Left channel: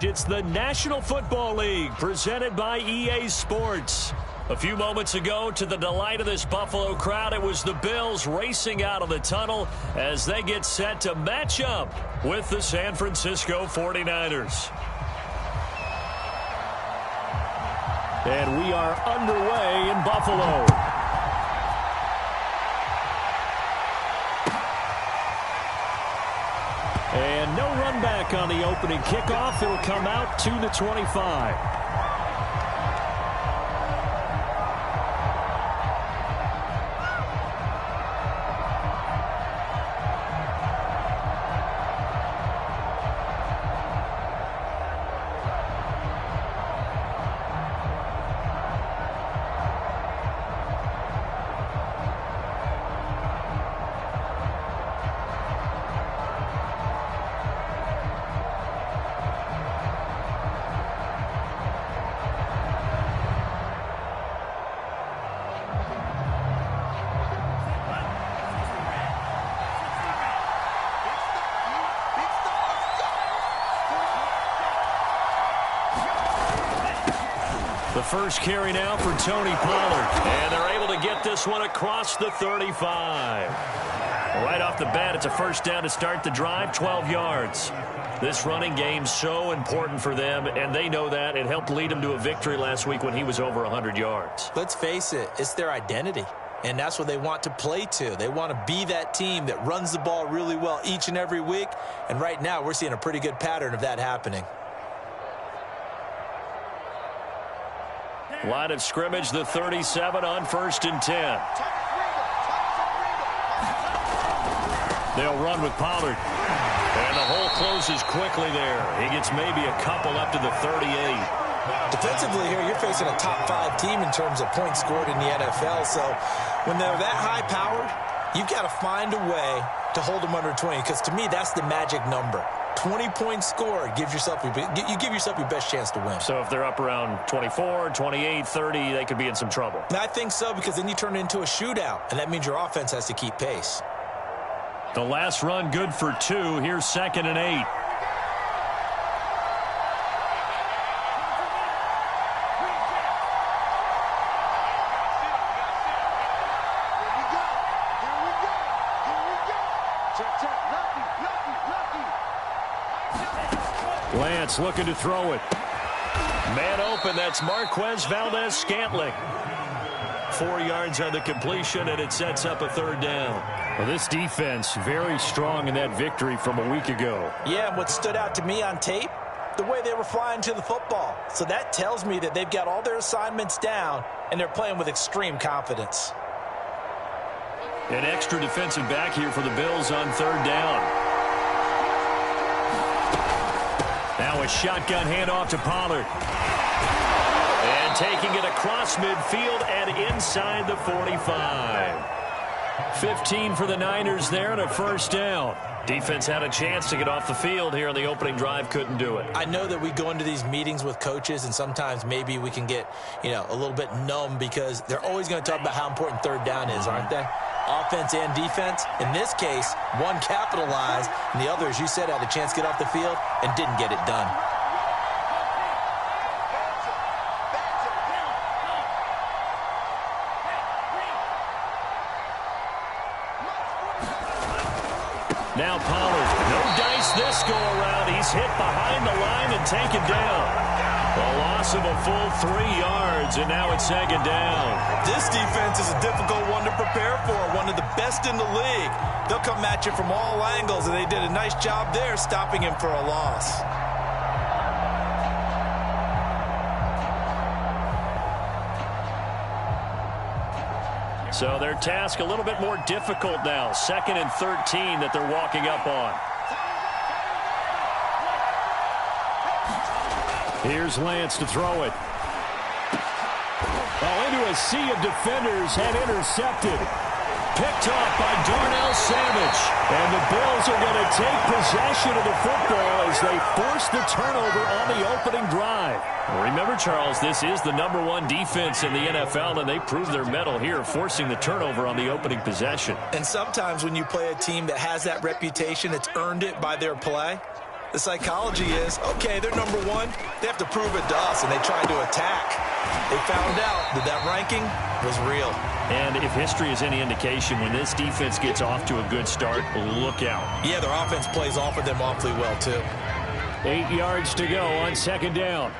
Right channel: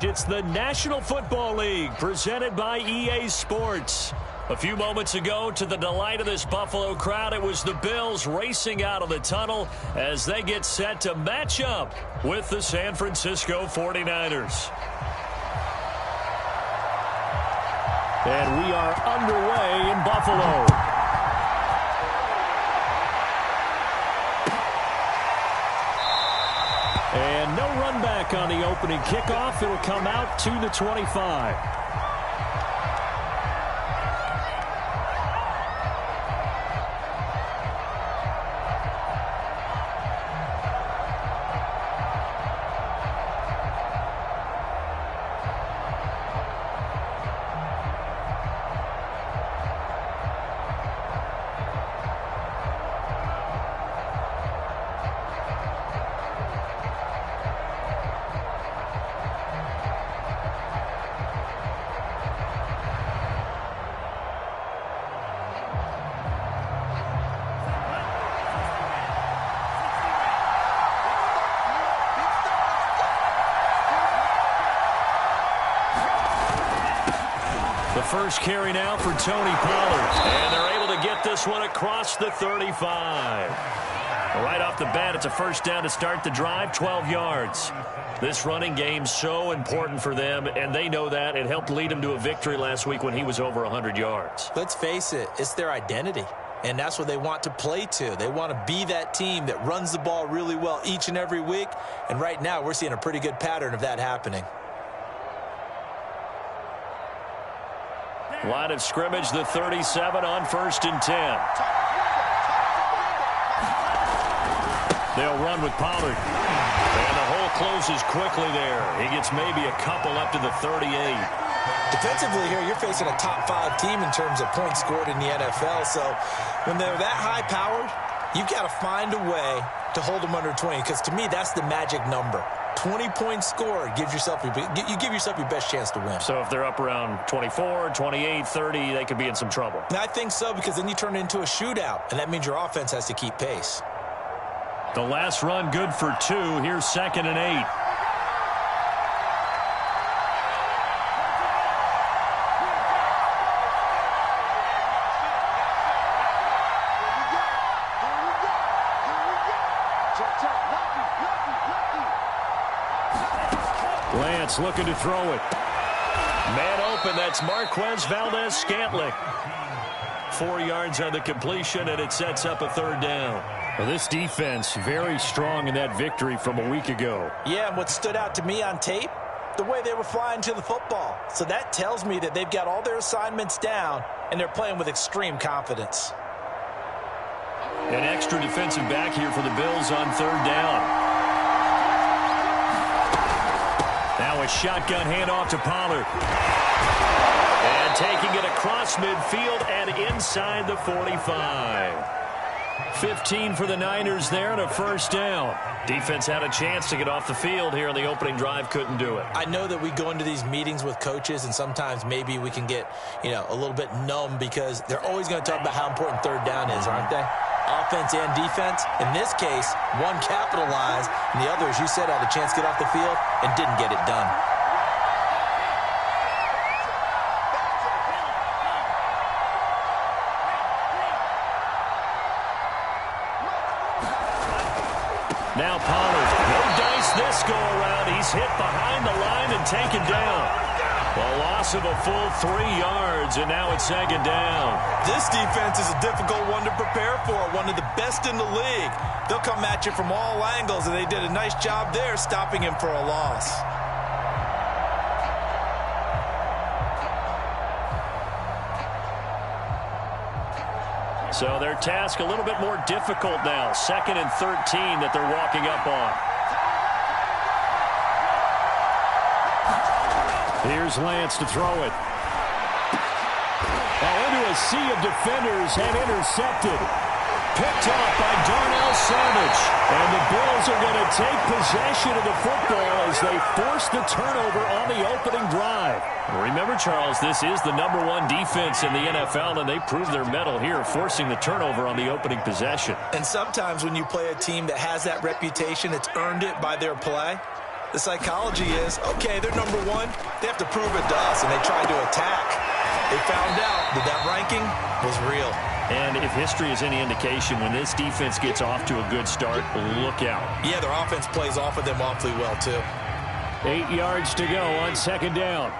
It's the National Football League presented by EA Sports. A few moments ago, to the delight of this Buffalo crowd, it was the Bills racing out of the tunnel as they get set to match up with the San Francisco 49ers. And we are underway in Buffalo. And no run back on the opening kickoff. It'll come out to the 25. The first carry now for Tony Pollard. And they're able to get this one across the 35. Right off the bat, it's a first down to start the drive, 12 yards. This running game so important for them, and they know that. It helped lead them to a victory last week when he was over 100 yards. Let's face it, it's their identity. And that's what they want to play to. They want to be that team that runs the ball really well each and every week. And right now, we're seeing a pretty good pattern of that happening. Line of scrimmage, the 37 on 1st and 10. They'll run with Pollard. And the hole closes quickly there. He gets maybe a couple up to the 38. Defensively here, you're facing a top 5 team in terms of points scored in the NFL. So when they're that high-powered, you've got to find a way to hold them under 20. Because to me, that's the magic number. 20 points scored, you give yourself your best chance to win. So if they're up around 24, 28, 30, they could be in some trouble. And I think so, because then you turn it into a shootout, and that means your offense has to keep pace. The last run good for 2. Here's 2nd and 8. Lance looking to throw it. Man open, that's Marquez Valdez-Scantling. 4 yards on the completion, and it sets up a 3rd down. Well, this defense very strong in that victory from a week ago. Yeah, and what stood out to me on tape, the way they were flying to the football. So that tells me that they've got all their assignments down, and they're playing with extreme confidence. An extra defensive back here for the Bills on 3rd down. Now a shotgun handoff to Pollard. And taking it across midfield and inside the 45. 15 for the Niners there and a 1st down. Defense had a chance to get off the field here on the opening drive, couldn't do it. I know that we go into these meetings with coaches, and sometimes maybe we can get, a little bit numb because they're always going to talk about how important 3rd down is, aren't they? Offense and defense. In this case, one capitalized, and the other, as you said, had a chance to get off the field and didn't get it done. Now Pollard, no dice this go-around. He's hit behind the line and taken down. A loss of a full 3 yards, and now it's 2nd down. This defense is a difficult one to prepare for, one of the best in the league. They'll come at you from all angles, and they did a nice job there stopping him for a loss. So their task a little bit more difficult now. 2nd and 13 that they're walking up on. Here's Lance to throw it. Oh, into a sea of defenders and intercepted. Picked off by Darnell Savage. And the Bills are going to take possession of the football as they force the turnover on the opening drive. Remember, Charles, this is the #1 defense in the NFL, and they proved their mettle here, forcing the turnover on the opening possession. And sometimes when you play a team that has that reputation, it's earned it by their play, The psychology is, okay, they're number one. They have to prove it to us, and they tried to attack. They found out that that ranking was real. And if history is any indication, when this defense gets off to a good start, look out. Yeah, their offense plays off of them awfully well, too. 8 yards to go on second down.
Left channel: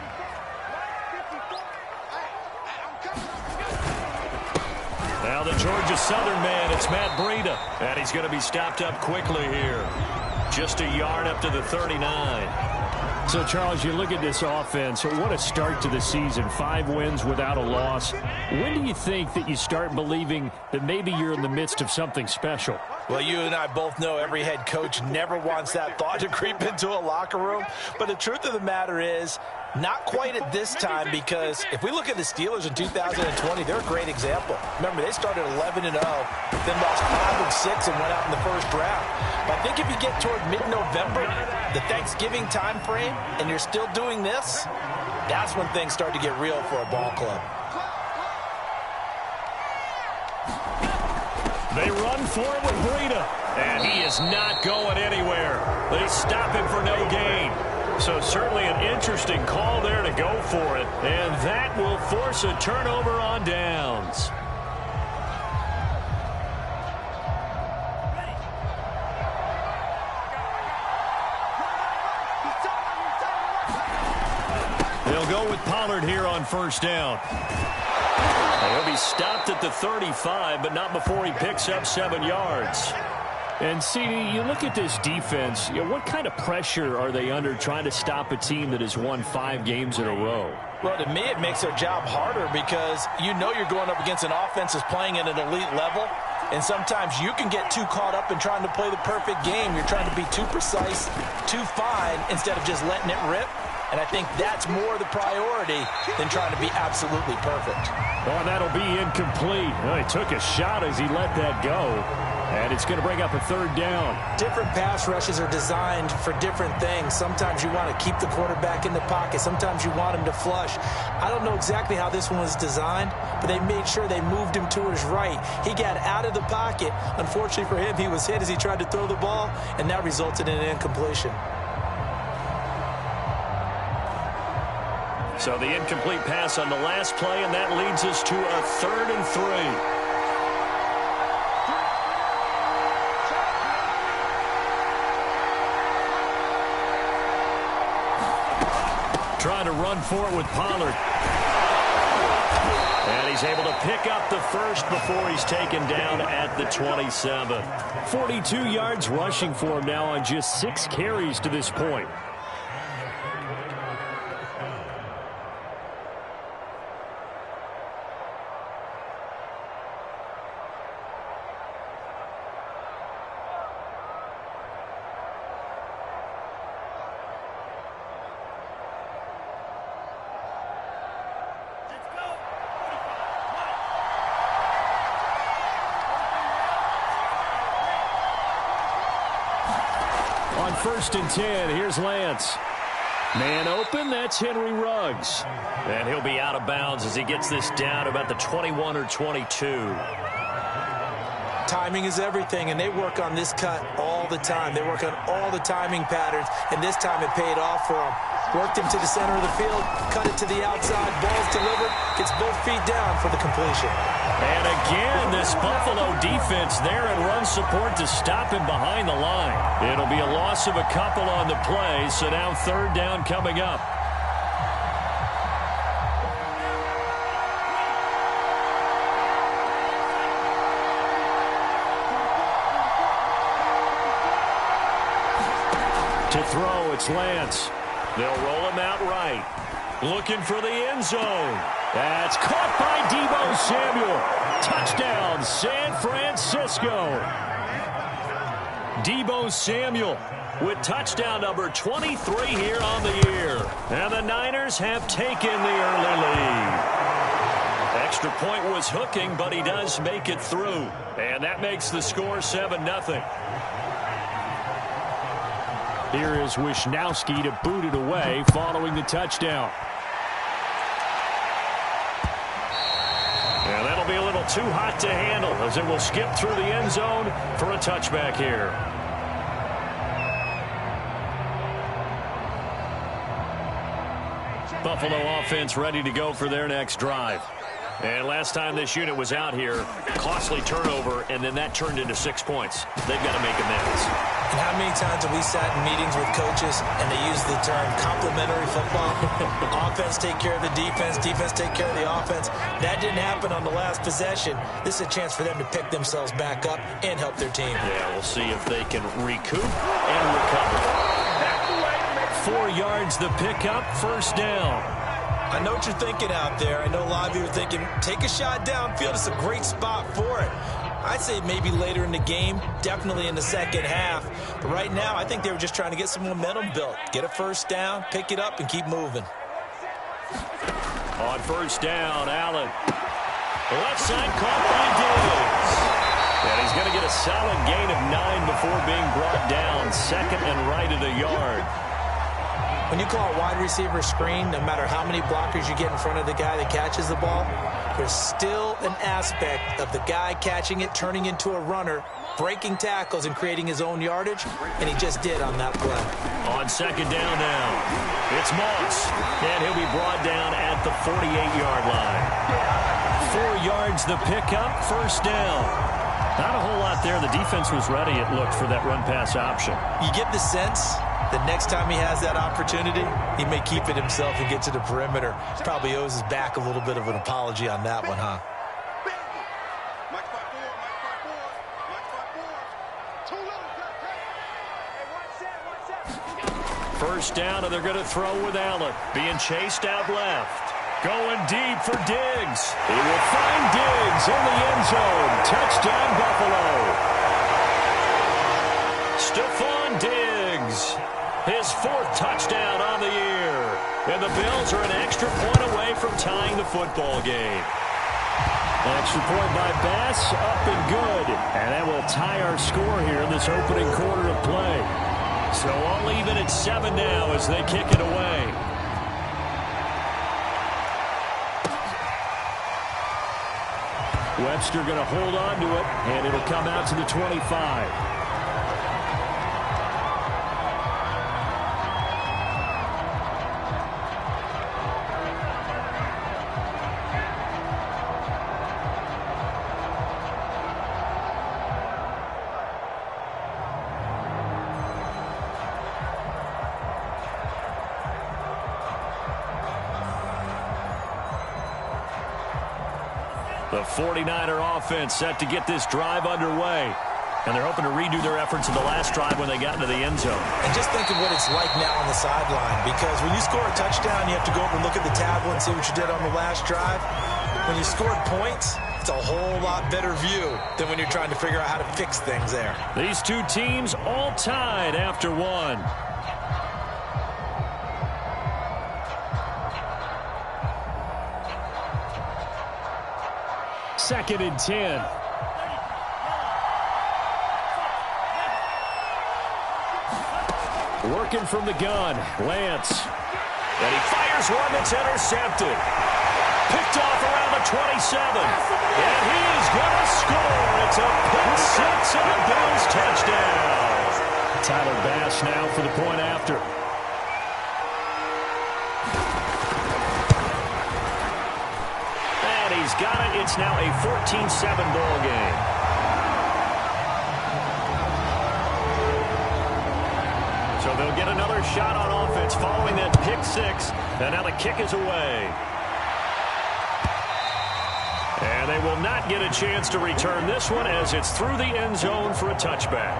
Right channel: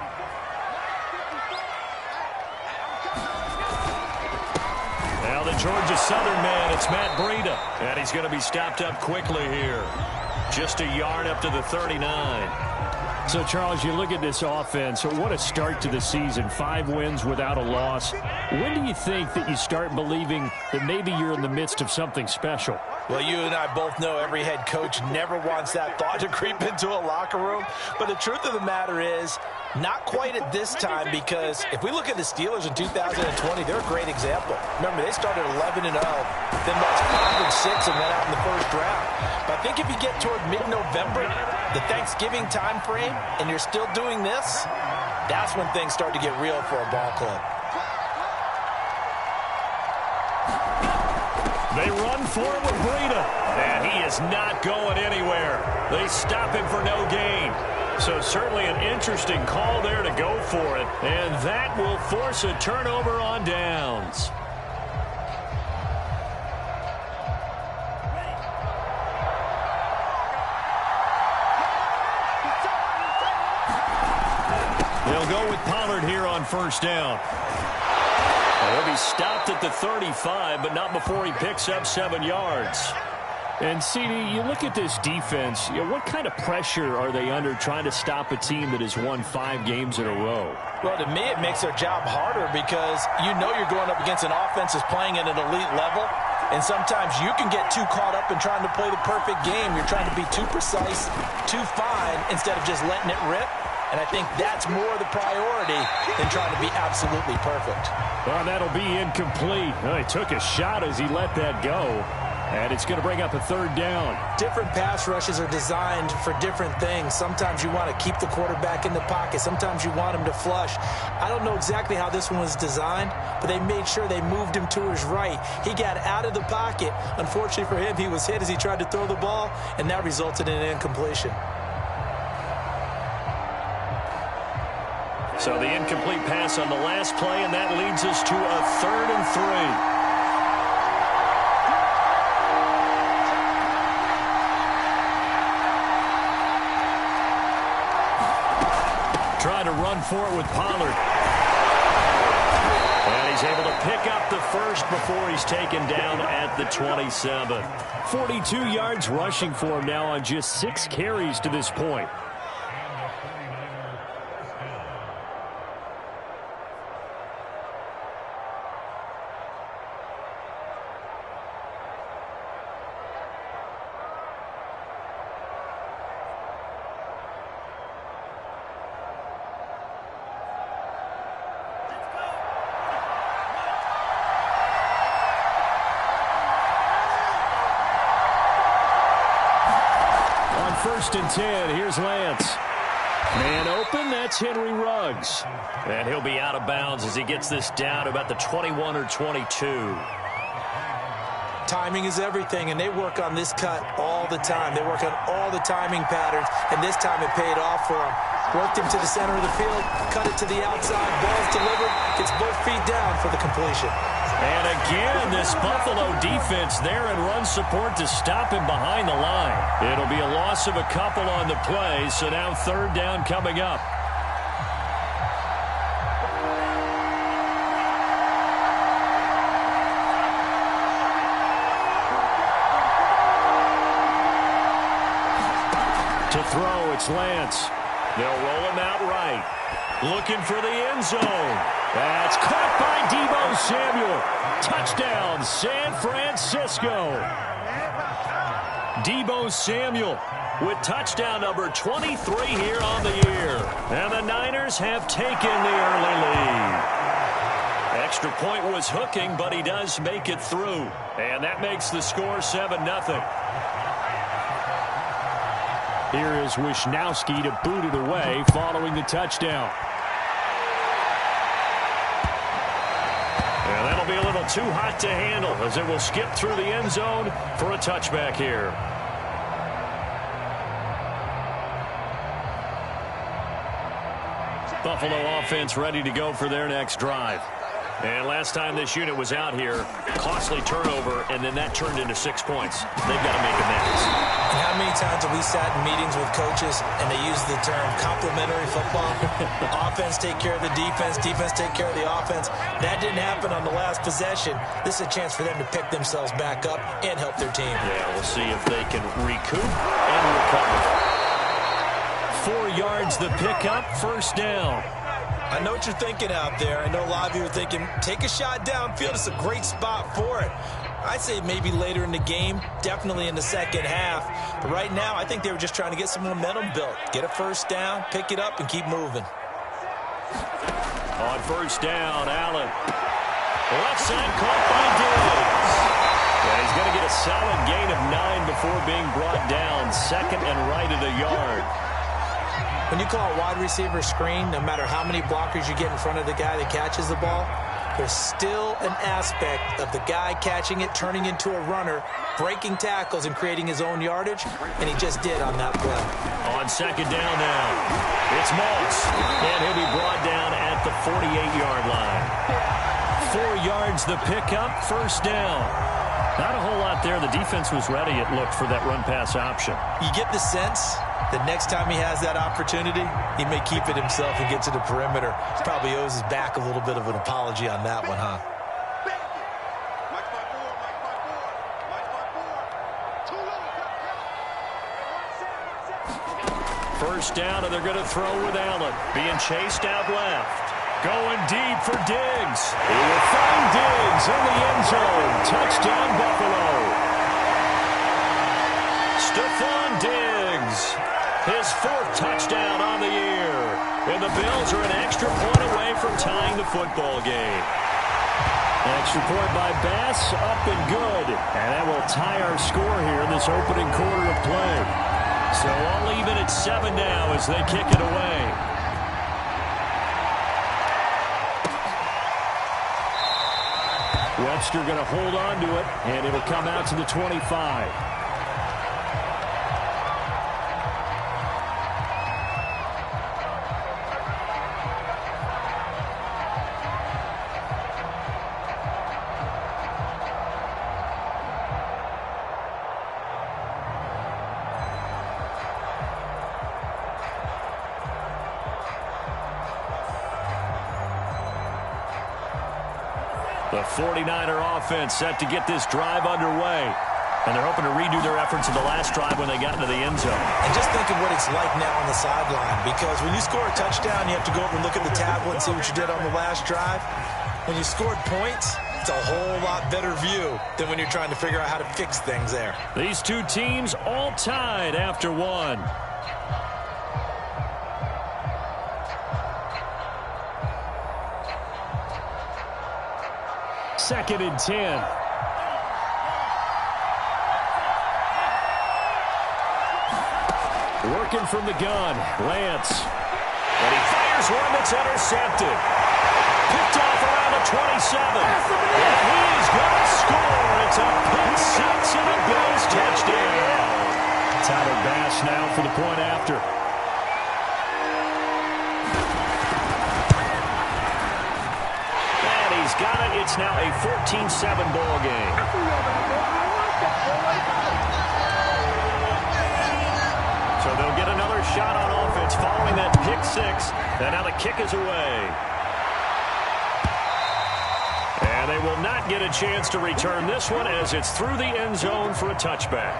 Now the Georgia Southern man, it's Matt Breida. And he's going to be stopped up quickly here. Just a yard up to the 39. So, Charles, you look at this offense. What a start to the season. 5 wins without a loss. When do you think that you start believing that maybe you're in the midst of something special? Well, you and I both know every head coach never wants that thought to creep into a locker room. But the truth of the matter is, not quite at this time, because if we look at the Steelers in 2020, they're a great example. Remember, they started 11-0, then lost 5 and 6 and went out in the first round. But I think if you get toward mid-November, the Thanksgiving time frame, and you're still doing this, that's when things start to get real for a ball club. They run for it with Breida, and he is not going anywhere. They stop him for no gain. So certainly an interesting call there to go for it, and that will force a turnover on downs. They'll go with Pollard here on first down. He'll be stopped at the 35, but not before he picks up 7 yards. And, CD, you look at this defense, what kind of pressure are they under trying to stop a team that has won 5 games in a row? Well, to me, it makes their job harder because you know you're going up against an offense that's playing at an elite level, and sometimes you can get too caught up in trying to play the perfect game. You're trying to be too precise, too fine, instead of just letting it rip. And I think that's more the priority than trying to be absolutely perfect. Oh, that'll be incomplete. Oh, he took a shot as he let that go. And it's going to bring up a third down. Different pass rushes are designed for different things. Sometimes you want to keep the quarterback in the pocket. Sometimes you want him to flush. I don't know exactly how this one was designed, but they made sure they moved him to his right. He got out of the pocket. Unfortunately for him, he was hit as he tried to throw the ball, and that resulted in an incompletion. So the incomplete pass on the last play, and that leads us to a 3rd and 3. Trying to run for it with Pollard. And he's able to pick up the first before he's taken down at the 27. 42 yards rushing for him now on just 6 carries to this point. On 1st and 10, here's Lance. Man open, that's Henry Ruggs. And he'll be out of bounds as he gets this down about the 21 or 22. Timing is everything, and they work on this cut all the time. They work on all the timing patterns, and this time it paid off for them. Worked him to the center of the field, cut it to the outside, ball's delivered, gets both feet down for the completion. And again, this Buffalo defense there in run support to stop him behind the line. It'll be a loss of a couple on the play, so now 3rd down coming up. To throw, it's Lance. They'll roll him out right. Looking for the end zone. That's caught by Deebo Samuel. Touchdown, San Francisco. Deebo Samuel with touchdown number 23 here on the year. And the Niners have taken the early lead. Extra point was hooking, but he does make it through. And that makes the score 7-0. Here is Wisnowski to boot it away following the touchdown. And that'll be a little too hot to handle as it will skip through the end zone for a touchback here. Buffalo offense ready to go for their next drive. And last time this unit was out here, costly turnover, and then that turned into 6 points. They've got to make amends. And how many times have we sat in meetings with coaches and they use the term complementary football? Offense take care of the defense, defense take care of the offense. That didn't happen on the last possession. This is a chance for them to pick themselves back up and help their team. Yeah, we'll see if they can recoup and recover. 4 yards the pickup, first down. I know what you're thinking out there. I know a lot of you are thinking, take a shot downfield. It's a great spot for it. I'd say maybe later in the game, definitely in the second half. But right now, I think they were just trying to get some momentum built. Get a first down, pick it up, and keep moving. On first down, Allen. Left side caught by Diggs. And he's going to get a solid gain of 9 before being brought down. Second and right at a yard. When you call a wide receiver screen, no matter how many blockers you get in front of the guy that catches the ball, there's still an aspect of the guy catching it, turning into a runner, breaking tackles and creating his own yardage, and he just did on that play. On second down now, it's Moss, and he'll be brought down at the 48-yard line. 4 yards the pickup, first down. Not a whole lot there. The defense was ready, it looked, for that run-pass option. You get the sense the next time he has that opportunity, he may keep it himself and get to the perimeter. Probably owes his back a little bit of an apology on that one, huh? First down, and they're going to throw with Allen. Being chased out left. Going deep for Diggs. He will find Diggs in the end zone. Touchdown, Buffalo. Stephon Diggs. His 4th touchdown on the year. And the Bills are an extra point away from tying the football game. Extra point by Bass, up and good. And that will tie our score here in this opening quarter of play. So all even at 7 now as they kick it away. Webster going to hold on to it, and it'll come out to the 25. The 49er offense set to get this drive underway. And they're hoping to redo their efforts in the last drive when they got into the end zone. And just think of what it's like now on the sideline. Because when you score a touchdown, you have to go over and look at the tablet and see what you did on the last drive. When you scored points, it's a whole lot better view than when you're trying to figure out how to fix things there. These two teams all tied after 1. Second and 10. Working from the gun, Lance. And he fires one that's intercepted. Picked off around the 27. And he is going to score. It's a pick six and a Bills touchdown. Tyler Bass now for the point after. And he's got it. It's now a 14-7 ball game. So they'll get another shot on offense following that pick six. And now the kick is away. And they will not get a chance to return this one as it's through the end zone for a touchback.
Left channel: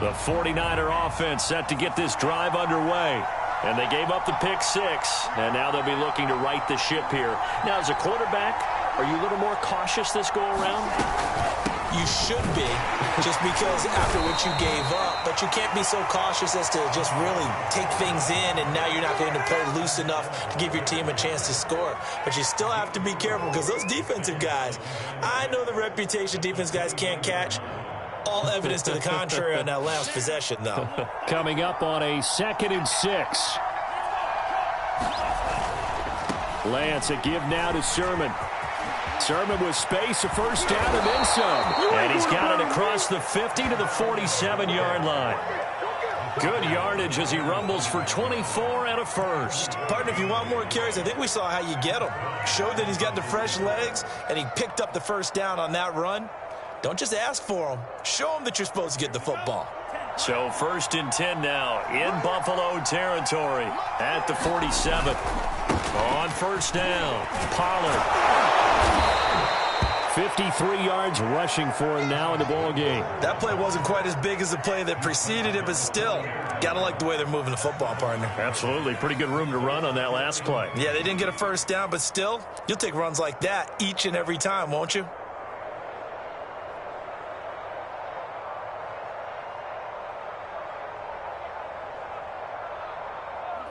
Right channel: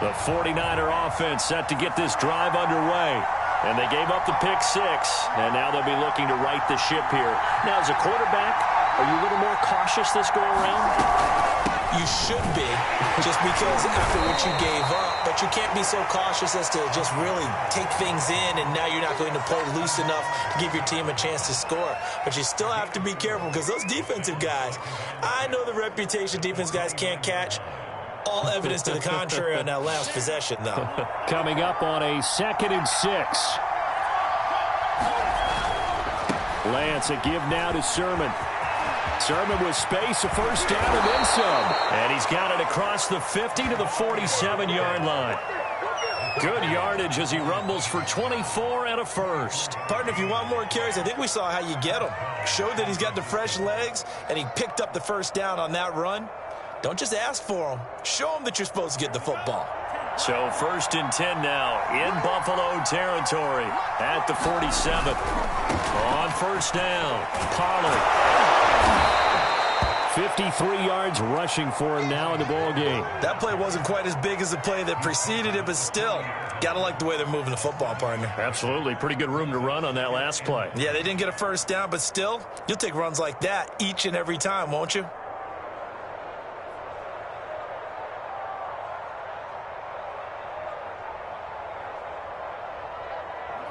The 49er offense set to get this drive underway. And they gave up the pick six, and now they'll be looking to right the ship here. Now, as a quarterback, are you a little more cautious this go-around? You should be, just because after what you gave up. But you can't be so cautious as to just really take things in, and now you're not going to play loose enough to give your team a chance to score. But you still have to be careful, because those defensive guys, I know the reputation defense guys can't catch. All evidence to the contrary on that last possession, though. Coming up on a 2nd and 6. Lance, a give now to Sermon. Sermon with space, a first down and then some. And he's got it across the 50 to the 47-yard line. Good yardage as he rumbles for 24 and a first. Partner, if you want more carries, I think we saw how you get him. Showed that he's got the fresh legs, and he picked up the first down on that run. Don't just ask for him. Show him that you're supposed to get the football. So 1st and 10 now in Buffalo territory at the 47. On first down, Pollard. 53 yards rushing for him now in the ball game. That play wasn't quite as big as the play that preceded it, but still, got to like the way they're moving the football, partner. Absolutely. Pretty good room to run on that last play. Yeah, they didn't get a first down, but still, you'll take runs like that each and every time, won't you?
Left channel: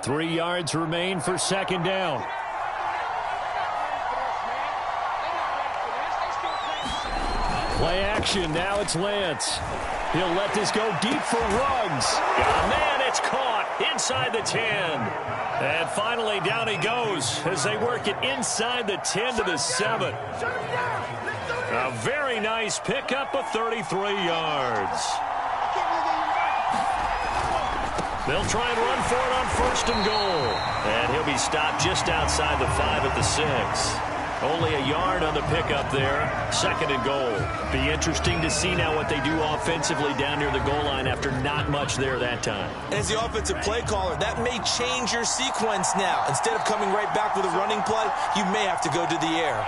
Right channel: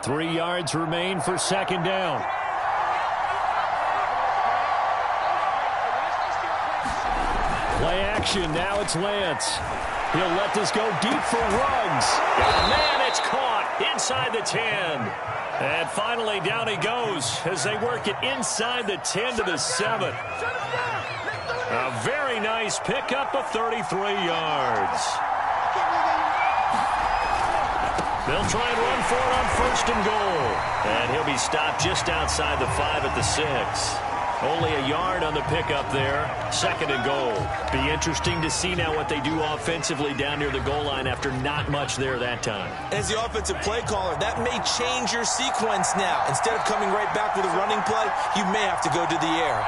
Three yards remain for second down. Play action. Now it's Lance. He'll let this go deep for Ruggs. Got a man. It's caught inside the 10. And finally down he goes as they work it inside the 10 to the 7. A very nice pickup of 33 yards. They'll try and run for it on 1st and goal. And he'll be stopped just outside the 5 at the 6. Only a yard on the pickup there. 2nd and goal. Be interesting to see now what they do offensively down near the goal line after not much there that time. As the offensive play caller, that may change your sequence now. Instead of coming right back with a running play, you may have to go to the air.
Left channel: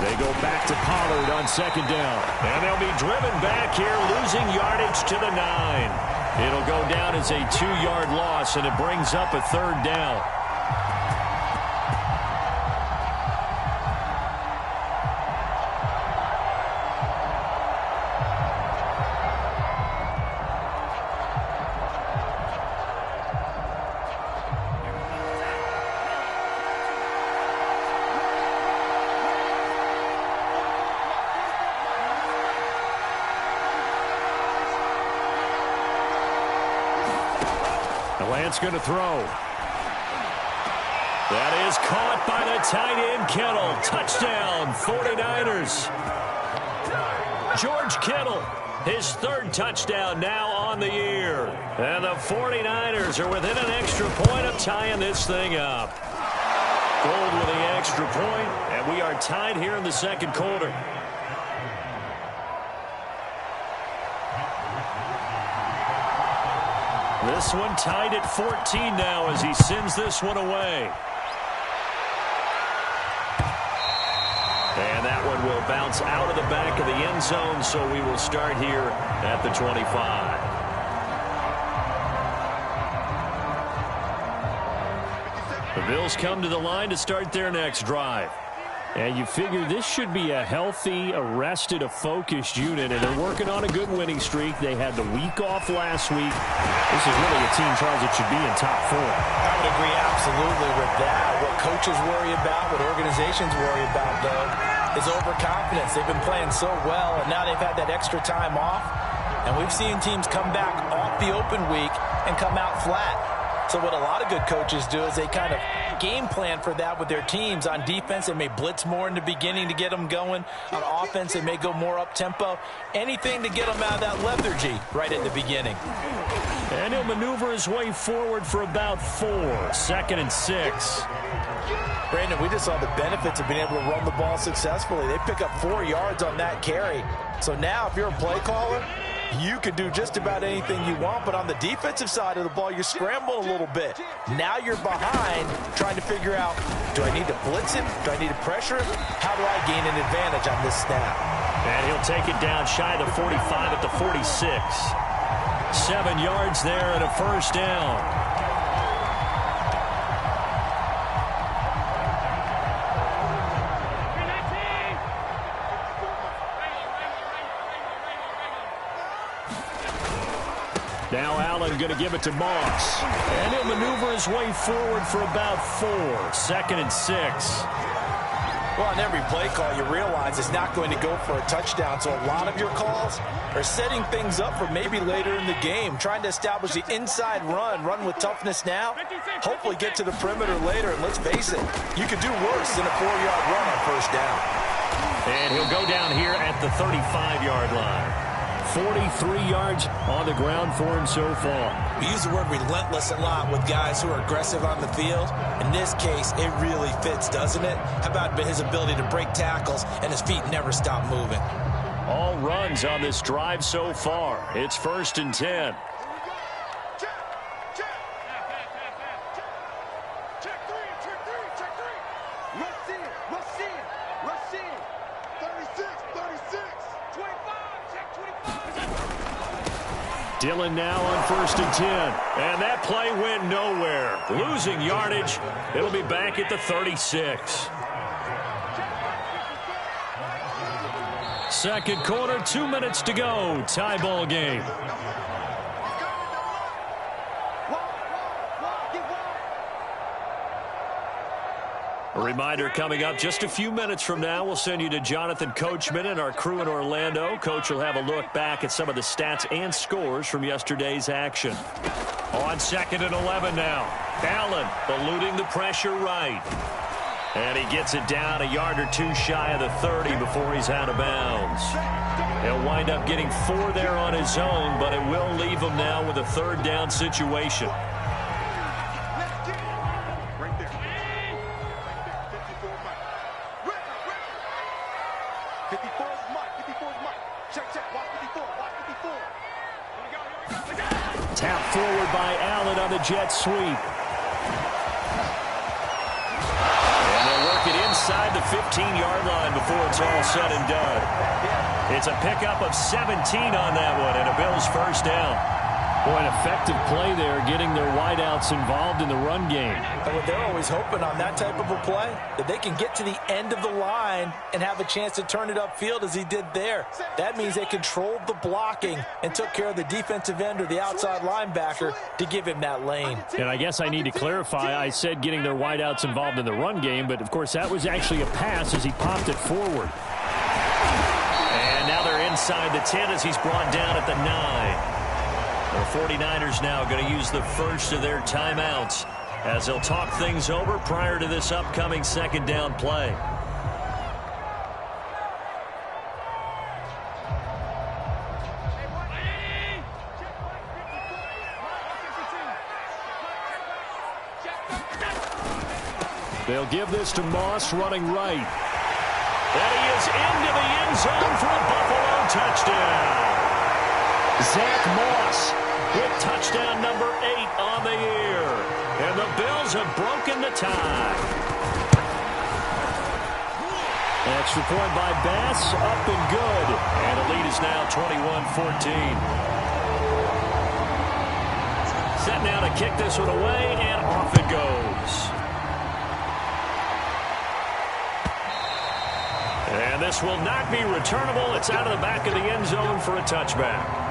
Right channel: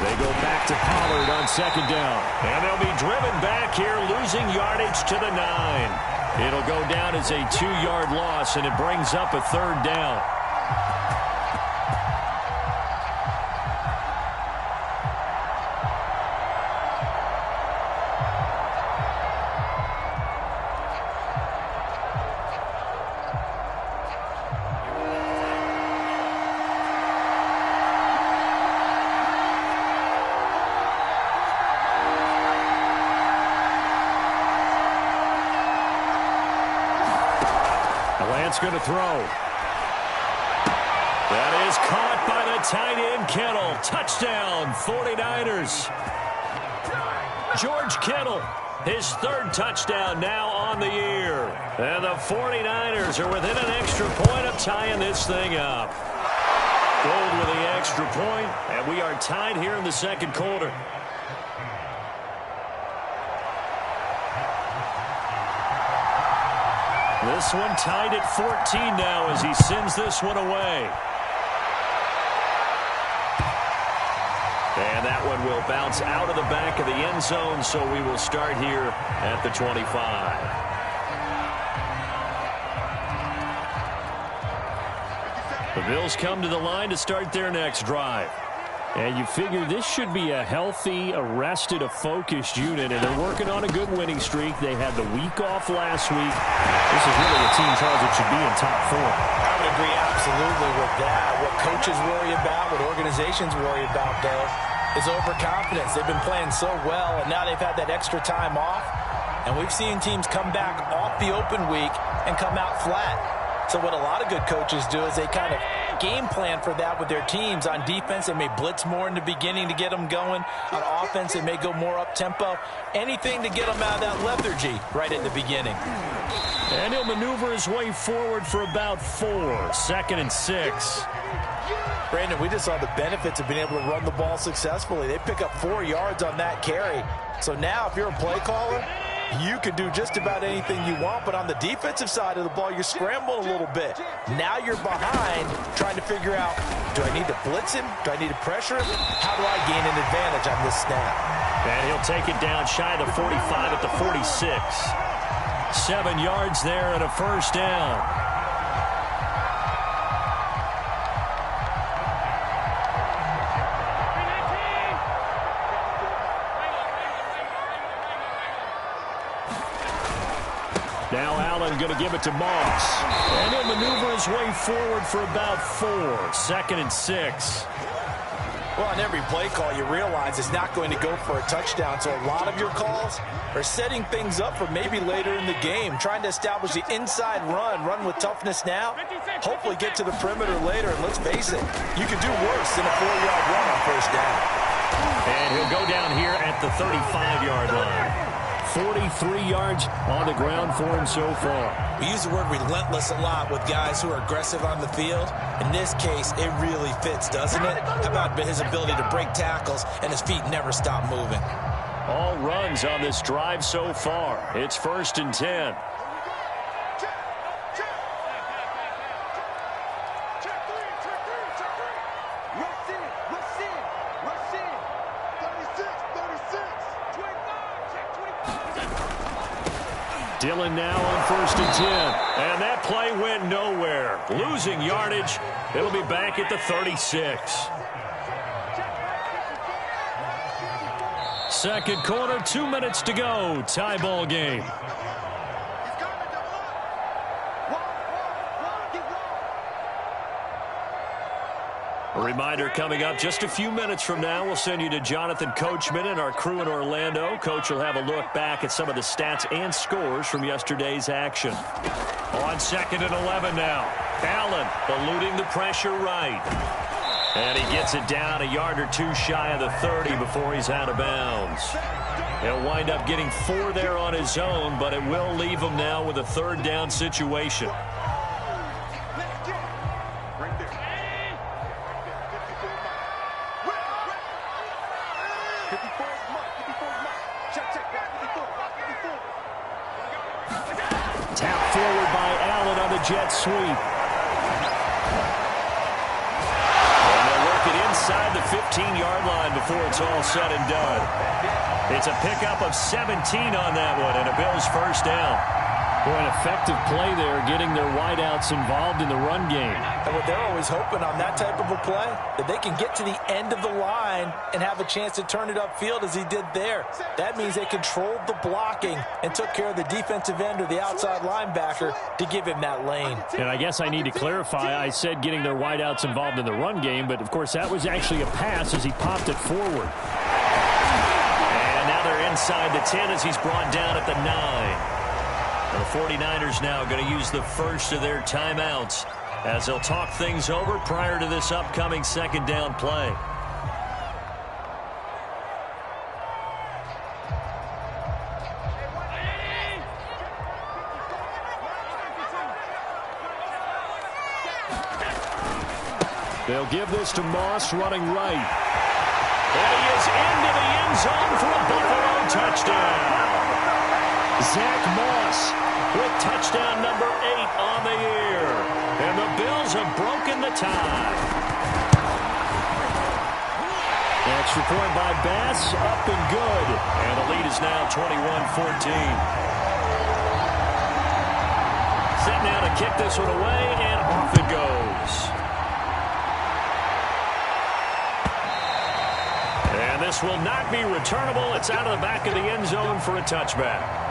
They go back to Pollard on 2nd down. And they'll be driven back here, losing yardage to the 9. It'll go down as a 2-yard loss, and it brings up a 3rd down. Lance going to throw. That is caught by the tight end, Kittle. Touchdown, 49ers. George Kittle, his 3rd touchdown now on the year. And the 49ers are within an extra point of tying this thing up. Gold with the extra point, and we are tied here in the 2nd quarter. This one tied at 14 now as he sends this one away. And that one will bounce out of the back of the end zone, so we will start here at the 25. The Bills come to the line to start their next drive. And you figure this should be a healthy, a focused unit, and they're working on a good winning streak. They had the week off last week. This is really a team, Charles, that should be in top form. I would agree absolutely with that. What coaches worry about, what organizations worry about, though, is overconfidence. They've been playing so well, and now they've had that extra time off. And we've seen teams come back off the open week and come out flat. So what a lot of good coaches do is they kind of game plan for that with their teams. On defense, they may blitz more in the beginning to get them going. On offense, they may go more up-tempo. Anything to get them out of that lethargy right at the beginning. And he'll maneuver his way forward for about 4. 2nd and 6. Brandon, we just saw the benefits of being able to run the ball successfully. They pick up 4 yards on that carry. So now if you're a play caller, you can do just about anything you want, but on the defensive side of the ball, you're scrambling a little bit. Now you're behind trying to figure out, do I need to blitz him? Do I need to pressure him? How do I gain an advantage on this snap? And he'll take it down shy of the 45 at the 46. 7 yards there and a 1st down. Now Allen going to give it to Moss. And he'll maneuver his way forward for about 4. 2nd and 6. Well, on every play call, you realize it's not going to go for a touchdown, so a lot of your calls are setting things up for maybe later in the game, trying to establish the inside run with toughness now, hopefully get to the perimeter later, and let's face it, you could do worse than a 4-yard run on first down. And he'll go down here at the 35-yard line. 43 yards on the ground for him so far. We use the word relentless a lot with guys who are aggressive on the field. In this case, it really fits, doesn't it? How about his ability to break tackles and his feet never stop moving? All runs on this drive so far. It's 1st and 10. Dillon now on 1st and 10. And that play went nowhere. Losing yardage. It'll be back at the 36. Second quarter, 2 minutes to go. Tie ball game. A reminder coming up just a few minutes from now, we'll send you to Jonathan Coachman and our crew in Orlando. Coach will have a look back at some of the stats and scores from yesterday's action. On 2nd and 11 now. Allen eluding the pressure right. And he gets it down a yard or two shy of the 30 before he's out of bounds. He'll wind up getting 4 there on his own, but it will leave him now with a 3rd down situation. Right there. 54 is Mike. 54 is Mike. Check. Watch 54. Watch 54. Here we go. Tap forward by Allen on the jet sweep. And they'll work it inside the 15-yard line before it's all said and done. It's a pickup of 17 on that one and a Bills 1st down. Boy, an effective play there, getting their wideouts involved in the run game. And what they're always hoping on that type of a play, that they can get to the end of the line and have a chance to turn it upfield as he did there. That means they controlled the blocking and took care of the defensive end or the outside linebacker to give him that lane. And I guess I need to clarify, I said getting their wideouts involved in the run game, but of course that was actually a pass as he popped it forward. And now they're inside the 10 as he's brought down at the 9. The 49ers now going to use the first of their timeouts as they'll talk things over prior to this upcoming 2nd down play. They'll give this to Moss running right. And he is into the end zone for a Buffalo touchdown. Zach Moss with touchdown number 8 on the year. And the Bills have broken the tie. Extra point by Bass, up and good. And the lead is now 21-14. Set now to kick this one away, and off it goes. And this will not be returnable. It's out of the back of the end zone for a touchback.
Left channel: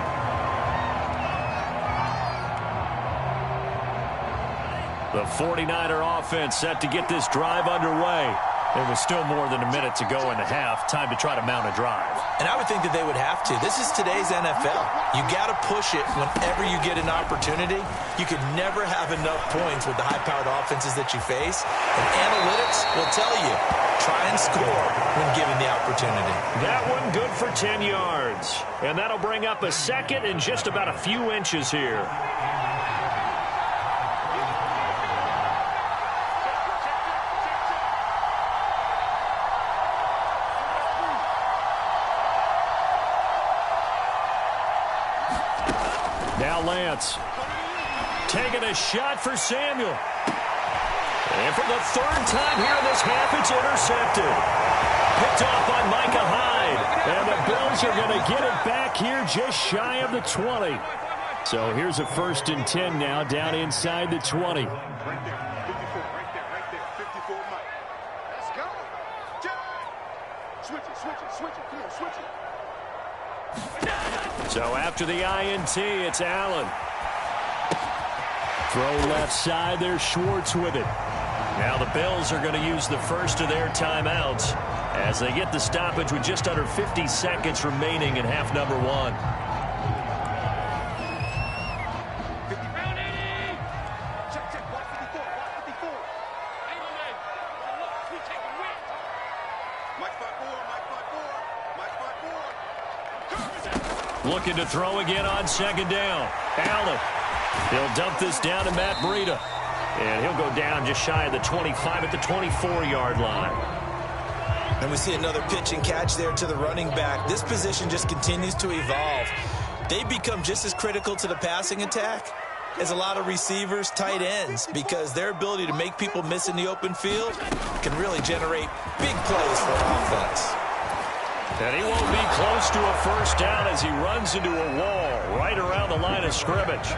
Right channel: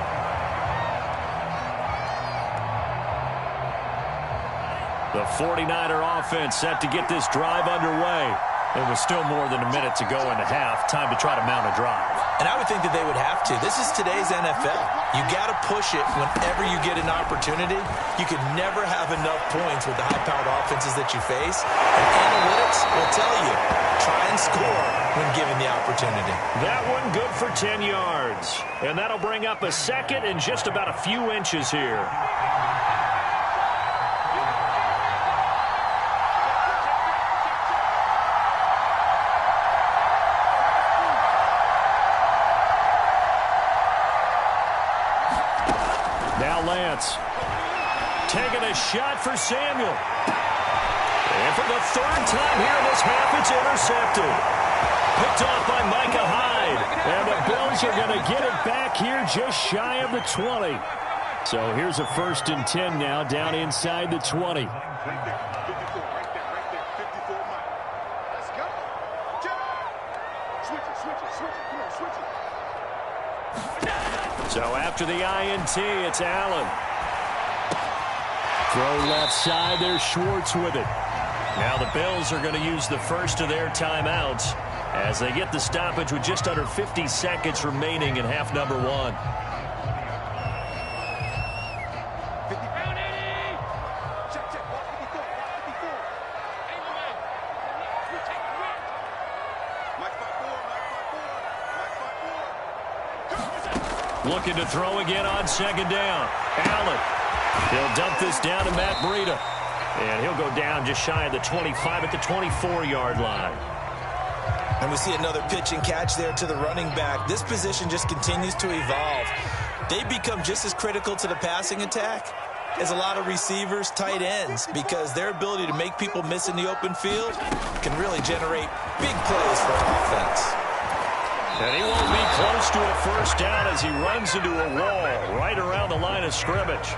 The 49er offense set to get this drive underway. There was still more than a minute to go in the half. Time to try to mount a drive. And I would think that they would have to. This is today's NFL. You got to push it whenever you get an opportunity. You could never have enough points with the high-powered offenses that you face. And analytics will tell you, try and score when given the opportunity. That one good for 10 yards. And that'll bring up a 2nd and just about a few inches here. Now Lance taking a shot for Samuel. And for the 3rd time here in this half, it's intercepted. Picked off by Micah Hyde. And the Bills are going to get it back here just shy of the 20. So here's a 1st and 10 now down inside the 20. Right there. 54. Right there. 54 Mike. Let's go. Switch it. Come on, switch it. So after the INT, it's Allen. Throw left side, there's Schwartz with it. Now the Bills are going to use the first of their timeouts as they get the stoppage with just under 50 seconds remaining in half number one. 50 pound 80. Check, watch 54, watch 54. Hey, my man. Look, we taking win. Mike 5-4, Mike 5-4, Mike 5-4. Looking to throw again on second down. Allen. He'll dump this down to Matt Breida. And he'll go down just shy of the 25 at the 24-yard line. And we see another pitch and catch there to the running back. This position just continues to evolve. They become just as critical to the passing attack as a lot of receivers, tight ends, because their ability to make people miss in the open field can really generate big plays for an offense. And he won't be close to a first down as he runs into a wall right around the line of scrimmage.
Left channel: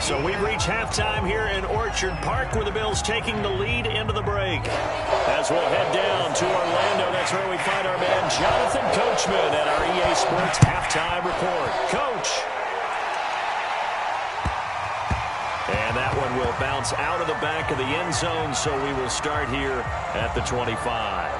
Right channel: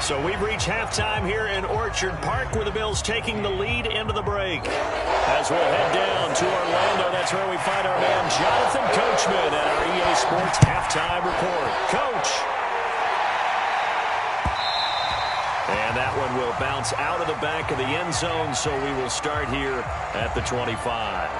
So we've reached halftime here in Orchard Park with the Bills taking the lead into the break. As we'll head down to Orlando, that's where we find our man Jonathan Coachman at our EA Sports Halftime Report. Coach. And that one will bounce out of the back of the end zone, so we will start here at the 25.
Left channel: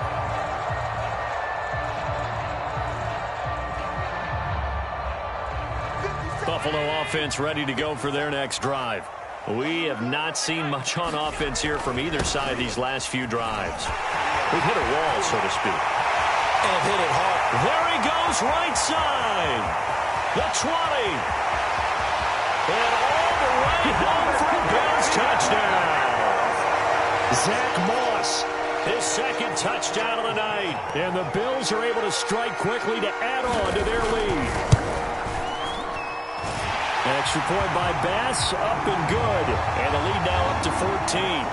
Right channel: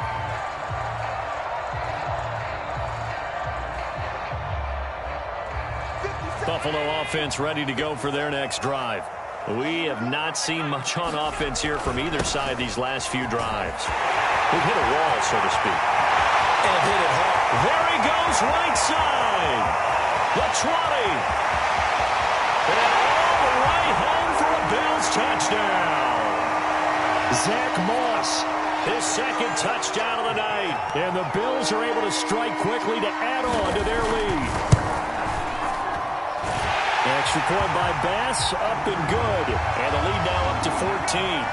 Buffalo offense ready to go for their next drive. We have not seen much on offense here from either side these last few drives. We've hit a wall, so to speak. And it hit it hard. There he goes, right side. The 20. And all the way home for a Bills touchdown. Zach Moss, his second touchdown of the night. And the Bills are able to strike quickly to add on to their lead. Extra point by Bass, up and good. And the lead now up to 14.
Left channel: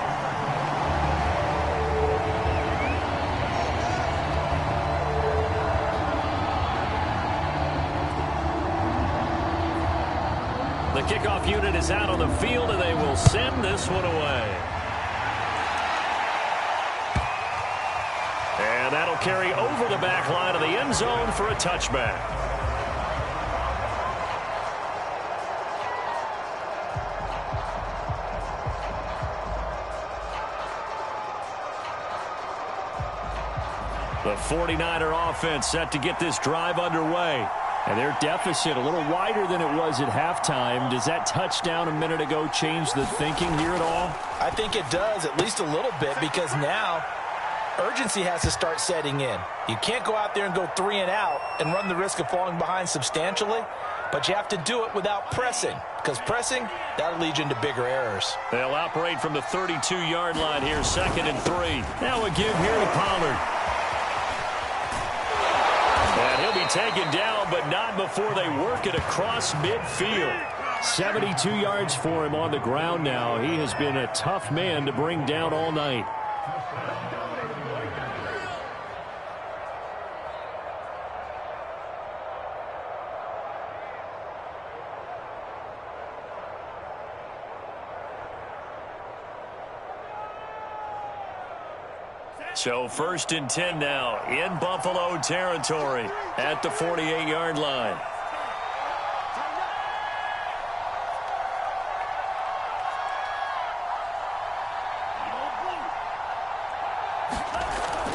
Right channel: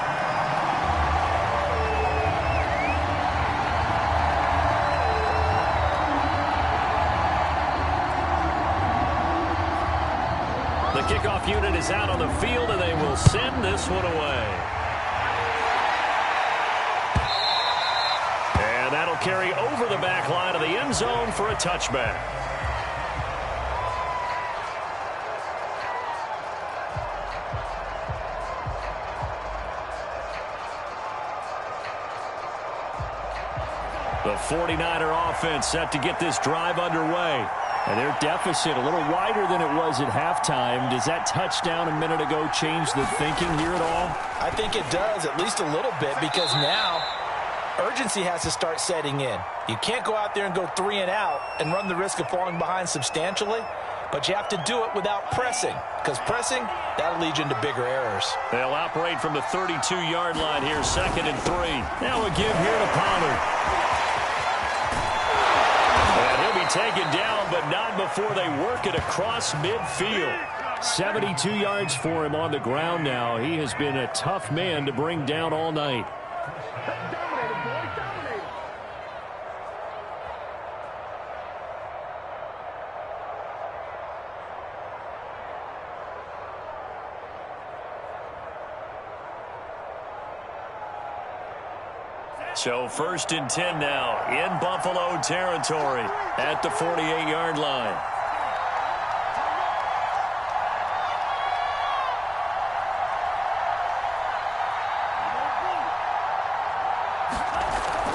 The kickoff unit is out on the field, and they will send this one away. And that'll carry over the back line of the end zone for a touchback. The 49er offense set to get this drive underway. And their deficit a little wider than it was at halftime. Does that touchdown a minute ago change the thinking here at all? I think it does, at least a little bit, because now urgency has to start setting in. You can't go out there and go 3 and out and run the risk of falling behind substantially, but you have to do it without pressing, because pressing, that'll lead you into bigger errors. They'll operate from the 32-yard line here, 2nd and 3. Now a give here to Pollard. And he'll be taken down, but not before they work it across midfield. 72 yards for him on the ground now. He has been a tough man to bring down all night. So 1st and 10 now in Buffalo territory at the 48-yard line.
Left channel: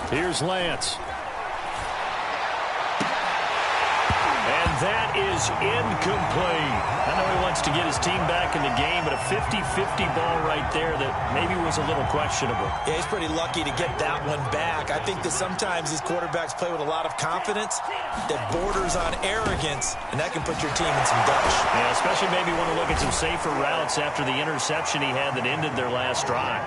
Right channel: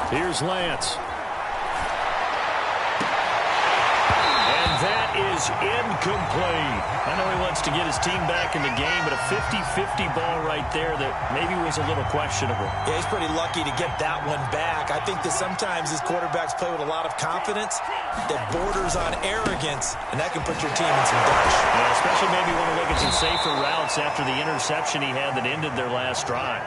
Here's Lance. And that is incomplete. I know he wants to get his team back in the game, but a 50-50 ball right there that maybe was a little questionable. Yeah, he's pretty lucky to get that one back. I think that sometimes these quarterbacks play with a lot of confidence that borders on arrogance, and that can put your team in some dutch. Yeah, especially maybe want to look at some safer routes after the interception he had that ended their last drive.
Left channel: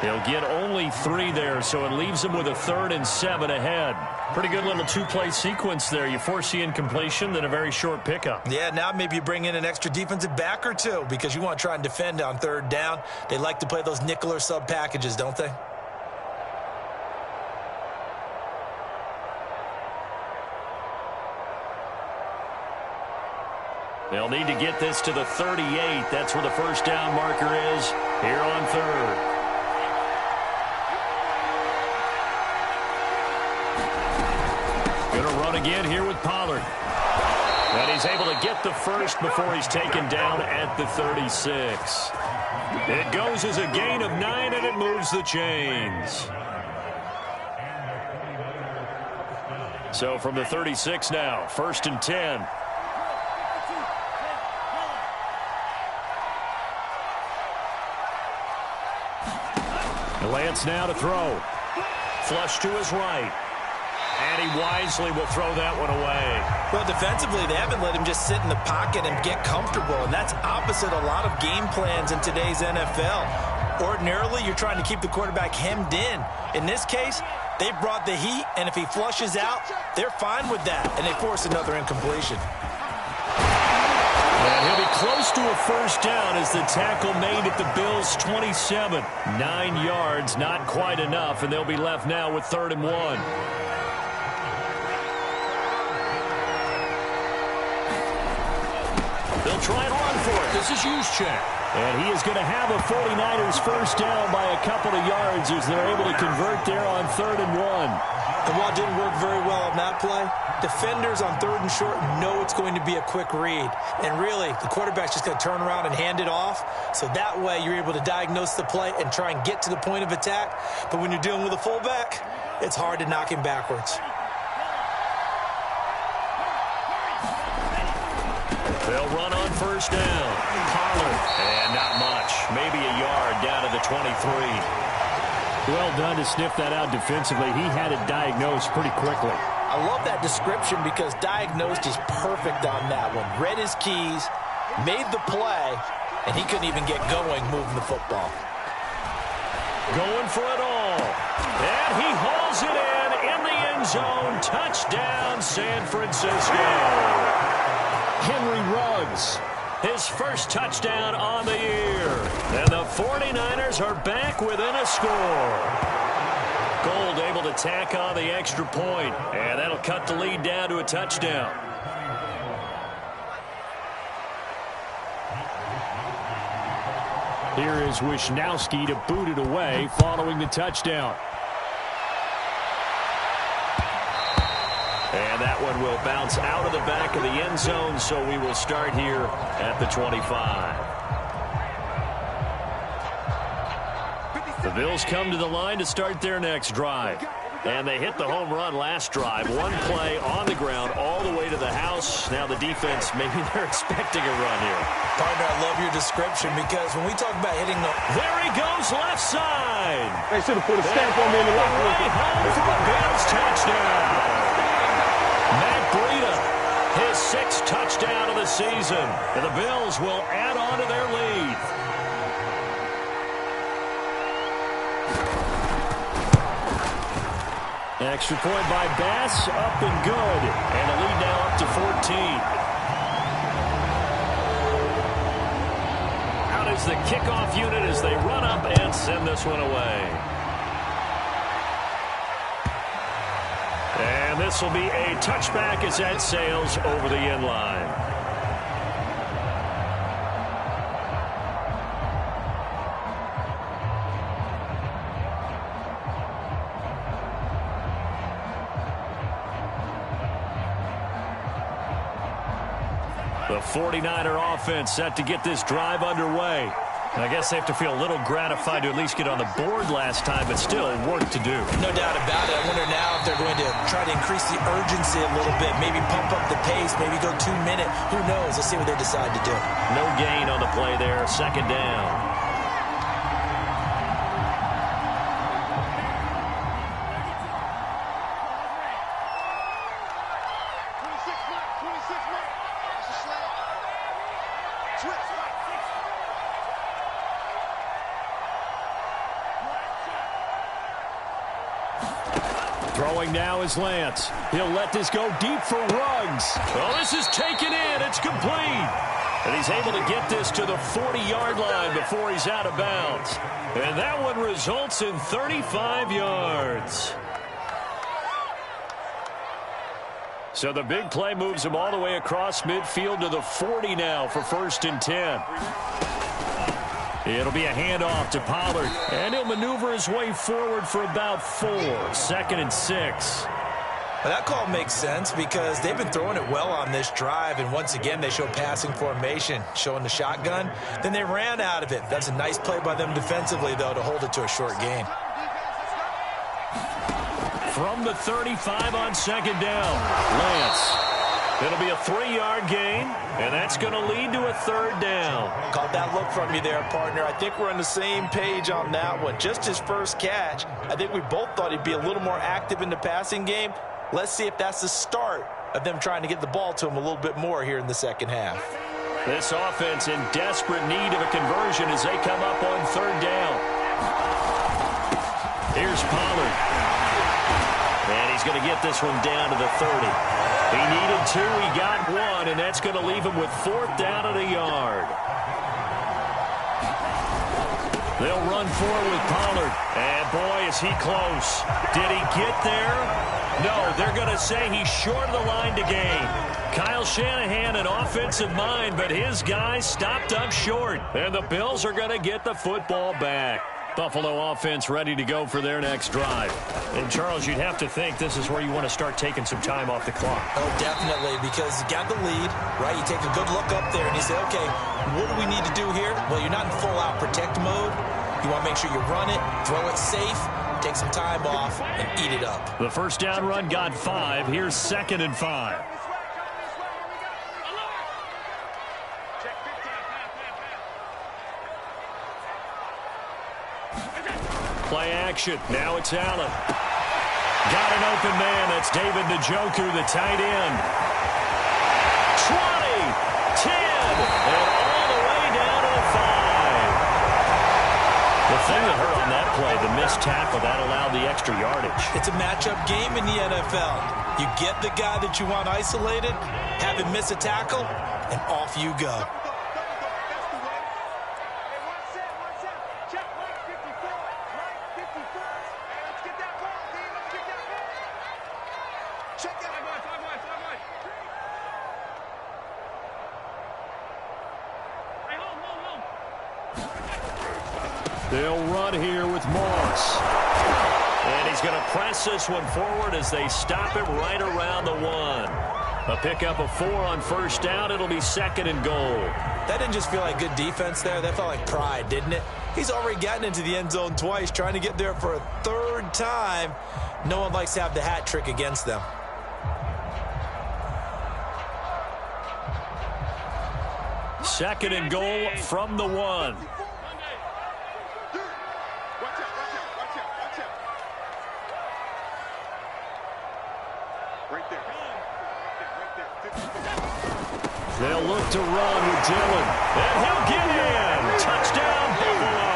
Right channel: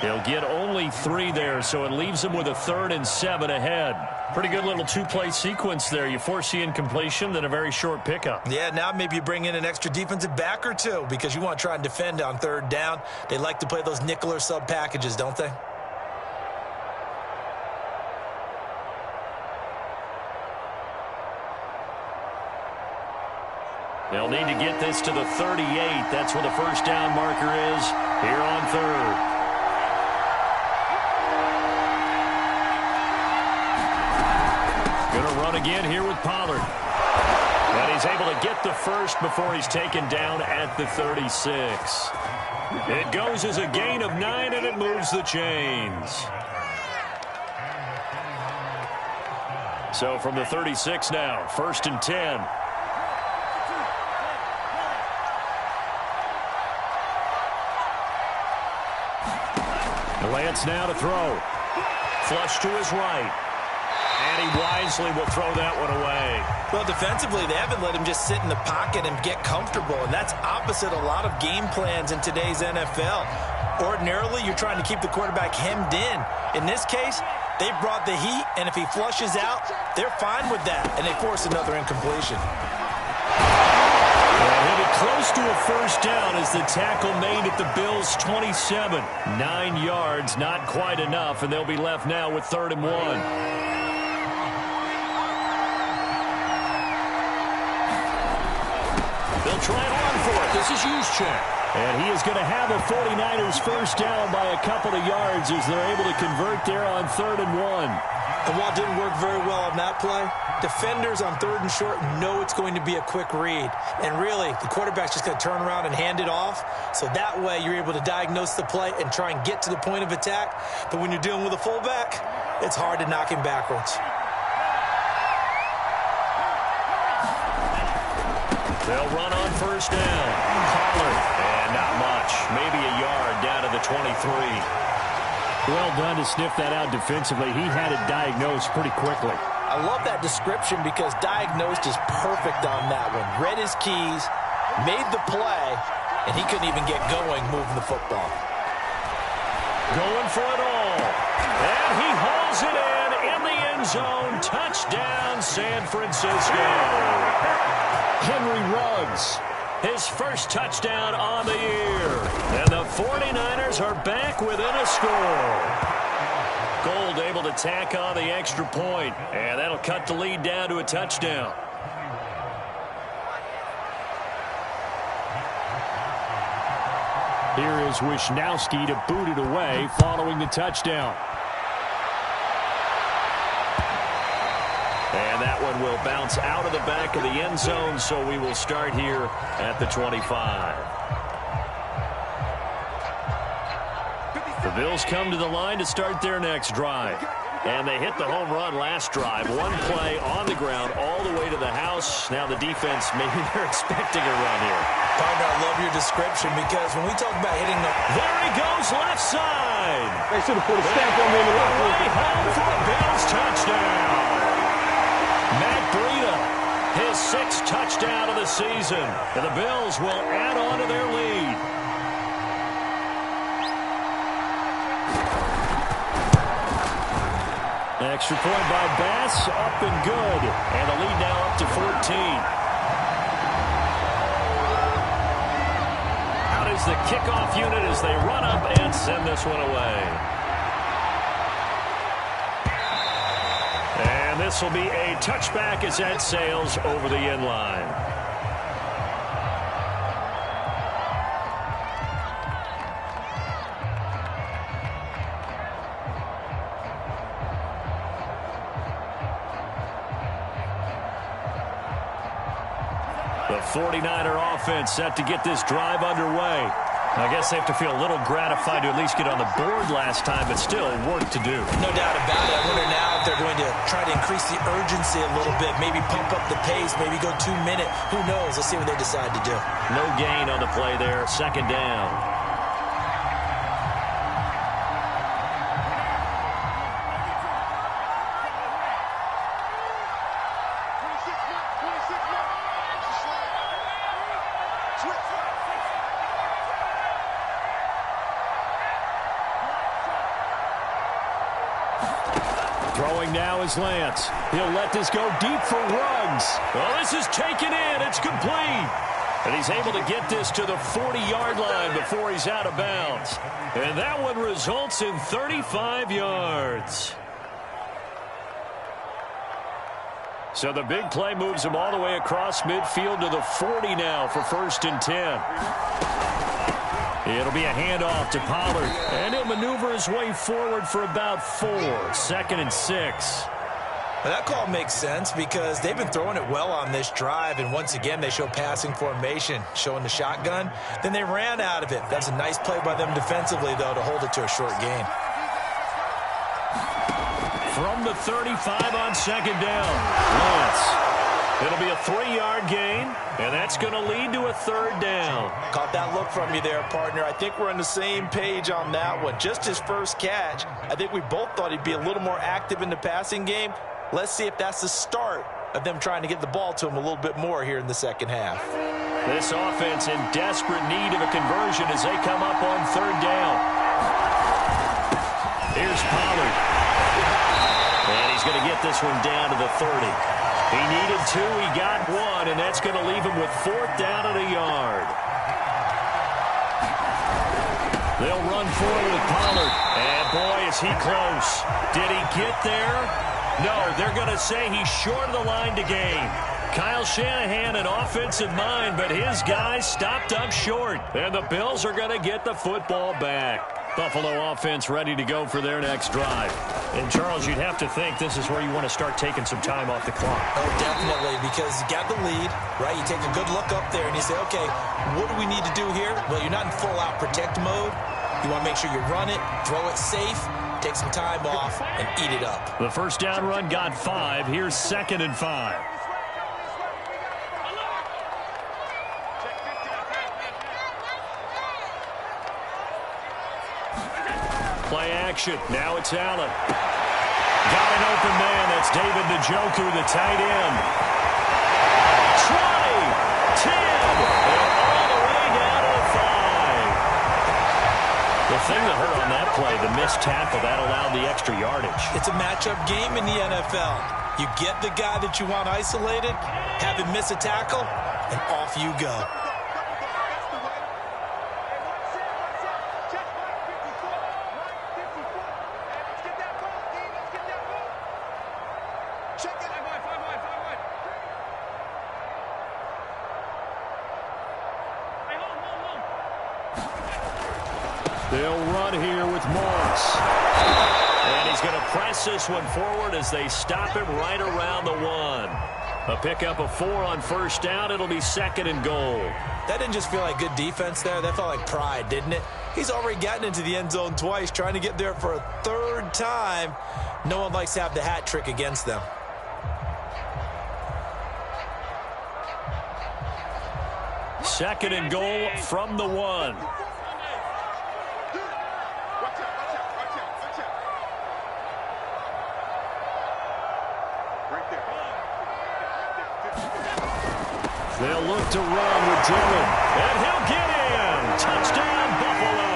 He'll get only 3 there, so it leaves him with a 3rd and 7 ahead. Pretty good little 2-play sequence there. You force the incompletion, then a very short pickup. Yeah, now maybe you bring in an extra defensive back or 2 because you want to try and defend on 3rd down. They like to play those nickel or sub packages, don't they? They'll need to get this to the 38. That's where the first down marker is here on 3rd. Going to run again here with Pollard. And he's able to get the first before he's taken down at the 36. It goes as a gain of 9, and it moves the chains. So from the 36 now, 1st and 10. Lance now to throw. Flush to his right. And he wisely will throw that one away. Well, defensively, they haven't let him just sit in the pocket and get comfortable, and that's opposite a lot of game plans in today's NFL. Ordinarily, you're trying to keep the quarterback hemmed in. In this case, they brought the heat, and if he flushes out, they're fine with that, and they force another incompletion. And he'll be close to a first down as the tackle made at the Bills' 27. 9 yards, not quite enough, and they'll be left now with 3rd and 1. They'll try and run for it. This is Juszczyk. And he is going to have a 49ers first down by a couple of yards as they're able to convert there on 3rd and 1. And while it didn't work very well on that play, defenders on 3rd and short know it's going to be a quick read. And really, the quarterback's just going to turn around and hand it off. So that way, you're able to diagnose the play and try and get to the point of attack. But when you're dealing with a fullback, it's hard to knock him backwards. They'll run on first down. Pollard. And not much. Maybe a yard down to the 23. Well done to sniff that out defensively. He had it diagnosed pretty quickly. I love that description because diagnosed is perfect on that one. Read his keys, made the play, and he couldn't even get going moving the football. Going for it all. And he hauls it in the end zone. Touchdown, San Francisco. Henry Ruggs, his first touchdown on the year. And the 49ers are back within a score. Gold able to tack on the extra point, and that'll cut the lead down to a touchdown. Here is Wisnowski to boot it away following the touchdown. And that one will bounce out of the back of the end zone, so we will start here at the 25. The Bills come to the line to start their next drive. And they hit the home run last drive. One play on the ground all the way to the house. Now the defense, maybe they're expecting a run here. Partner, I love your description because when we talk about hitting the... There he goes, left side. They should have put a stamp on me in the locker room. Way home for a Bills touchdown. Matt Breida, his 6th touchdown of the season. And the Bills will add on to their lead. Extra point by Bass, up and good. And the lead now up to 14. Out is the kickoff unit as they run up and send this one away. And this will be a touchback as that sails over the end line. The 49er offense set to get this drive underway. I guess they have to feel a little gratified to at least get on the board last time, but still work to do. No doubt about it. I wonder now if they're going to try to increase the urgency a little bit, maybe pump up the pace, maybe go 2 minute. Who knows? Let's see what they decide to do. No gain on the play there. 2nd down. Throwing now is Lance. He'll let this go deep for Ruggs. Oh, this is taken in. It's complete. And he's able to get this to the 40-yard line before he's out of bounds. And that one results in 35 yards. So the big play moves him all the way across midfield to the 40 now for 1st and 10. It'll be a handoff to Pollard, and he'll maneuver his way forward for about 4. 2nd and 6. Well, that call makes sense because they've been throwing it well on this drive, and once again, they show passing formation, showing the shotgun. Then they ran out of it. That's a nice play by them defensively, though, to hold it to a short gain. From the 35 on second down, Lance. It'll be a 3-yard gain, and that's going to lead to a third down. Caught that look from you there, partner. I think we're on the same page on that one. Just his first catch, I think we both thought he'd be a little more active in the passing game. Let's see if that's the start of them trying to get the ball to him a little bit more here in the second half. This offense in desperate need of a conversion as they come up on third down. Here's Pollard. And he's going to get this one down to the 30. He needed 2, he got 1, and that's going to leave him with 4th down and a yard. They'll run forward with Pollard. And boy, is he close. Did he get there? No, they're going to say he's short of the line to gain. Kyle Shanahan, an offensive mind, but his guys stopped up short. And the Bills are going to get the football back. Buffalo offense ready to go for their next drive. And, Charles, you'd have to think this is where you want to start taking some time off the clock. Oh, definitely, because you got the lead, right? You take a good look up there and you say, okay, what do we need to do here? Well, you're not in full-out protect mode. You want to make sure you run it, throw it safe, take some time off, and eat it up. The first down run got 5. Here's 2nd and 5. Play action. Now it's Allen. Got an open man. That's David Njoku, the tight end. 20, 10, and all the way down to the 5. The thing that hurt on that play, the missed tackle, that allowed the extra yardage. It's a matchup game in the NFL. You get the guy that you want isolated, have him miss a tackle, and off you go. They'll run here with Moss. And he's going to press this one forward as they stop him right around the 1. A pickup of 4 on first down. It'll be 2nd and goal. That didn't just feel like good defense there. That felt like pride, didn't it? He's already gotten into the end zone twice, trying to get there for a 3rd time. No one likes to have the hat trick against them. Second and goal from the 1. They'll look to run with Dillon. And he'll get in. Touchdown, Buffalo.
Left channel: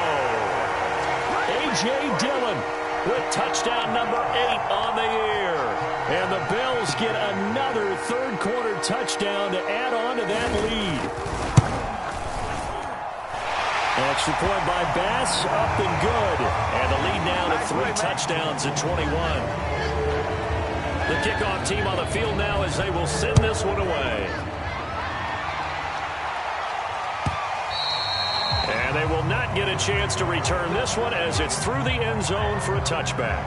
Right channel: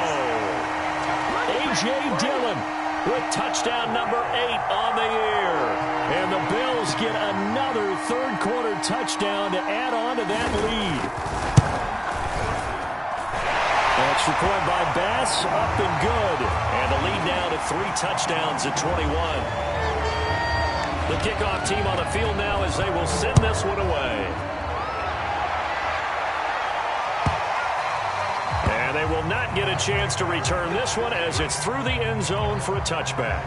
A.J. Dillon with touchdown number 8 on the year. And the Bills get another third-quarter touchdown to add on to that lead. Extra point by Bass, up and good. And the lead now to 3 touchdowns at 21. The kickoff team on the field now as they will send this one away. And they will not get a chance to return this one as it's through the end zone for a touchback.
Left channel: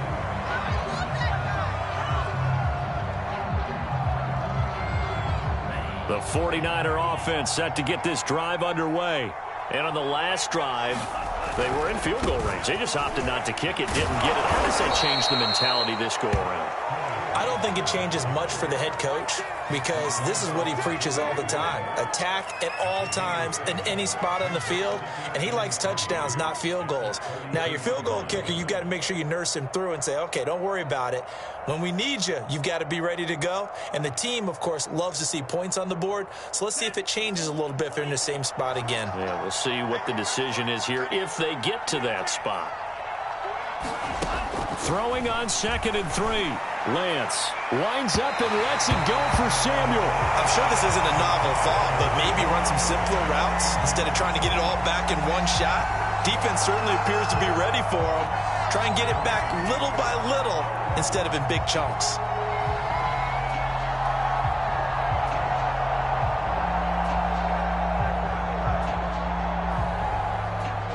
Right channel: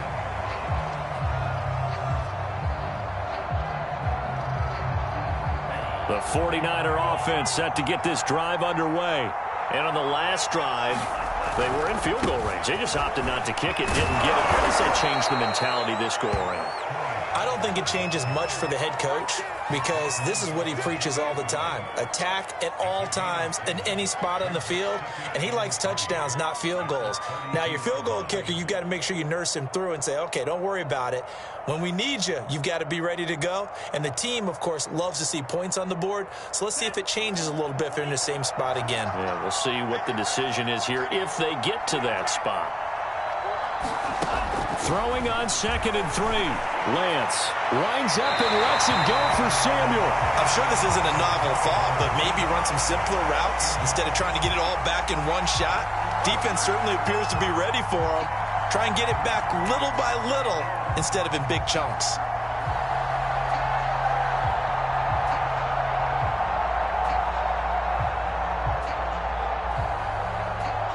The 49er offense set to get this drive underway. And on the last drive, they were in field goal range. They just opted not to kick it, didn't get it. How does that change the mentality this go around? I don't think it changes much for the head coach because this is what he preaches all the time. Attack at all times in any spot on the field, and he likes touchdowns, not field goals. Now, your field goal kicker, you've got to make sure you nurse him through and say, okay, don't worry about it. When we need you, you've got to be ready to go. And the team, of course, loves to see points on the board. So let's see if it changes a little bit if they're in the same spot again. Yeah, we'll see what the decision is here if they get to that spot. Throwing on 2nd and 3. Lance winds up and lets it go for Samuel. I'm sure this isn't a novel thought, but maybe run some simpler routes instead of trying to get it all back in one shot. Defense certainly appears to be ready for him. Try and get it back little by little instead of in big chunks.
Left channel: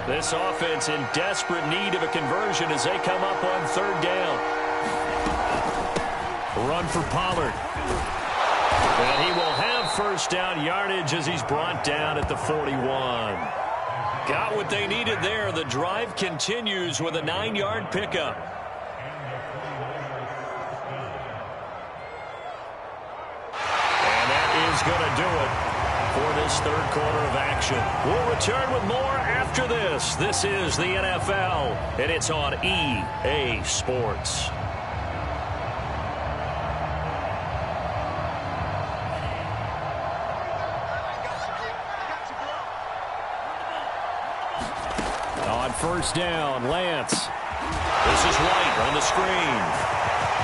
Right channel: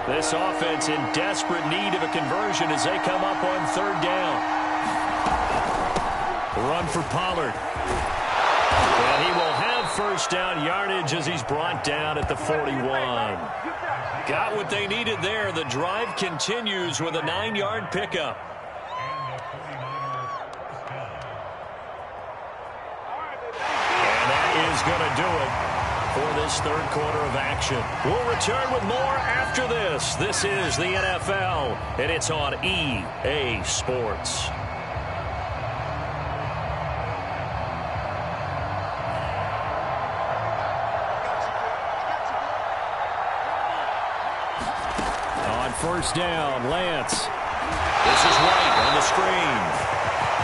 This offense in desperate need of a conversion as they come up on 3rd down. Run for Pollard. And he will have first down yardage as he's brought down at the 41. Got what they needed there. The drive continues with a 9-yard pickup. And that is going to do it for this third quarter of action. We'll return with more after this. This is the NFL, and it's on EA Sports. On first down, Lance. This is White on the screen.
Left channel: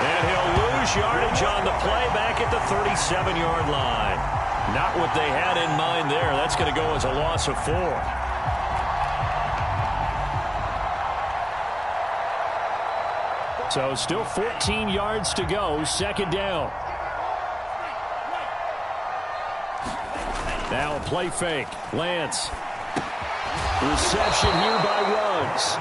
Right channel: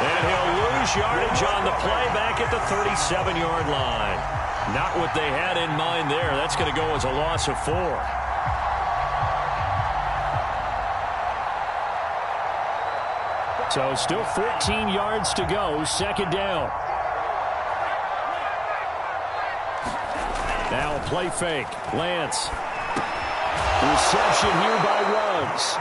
And he'll lose yardage on the play back at the 37-yard line. Not what they had in mind there. That's going to go as a loss of 4. So still 14 yards to go. Second down. Now a play fake. Lance. Reception here by Ruggs.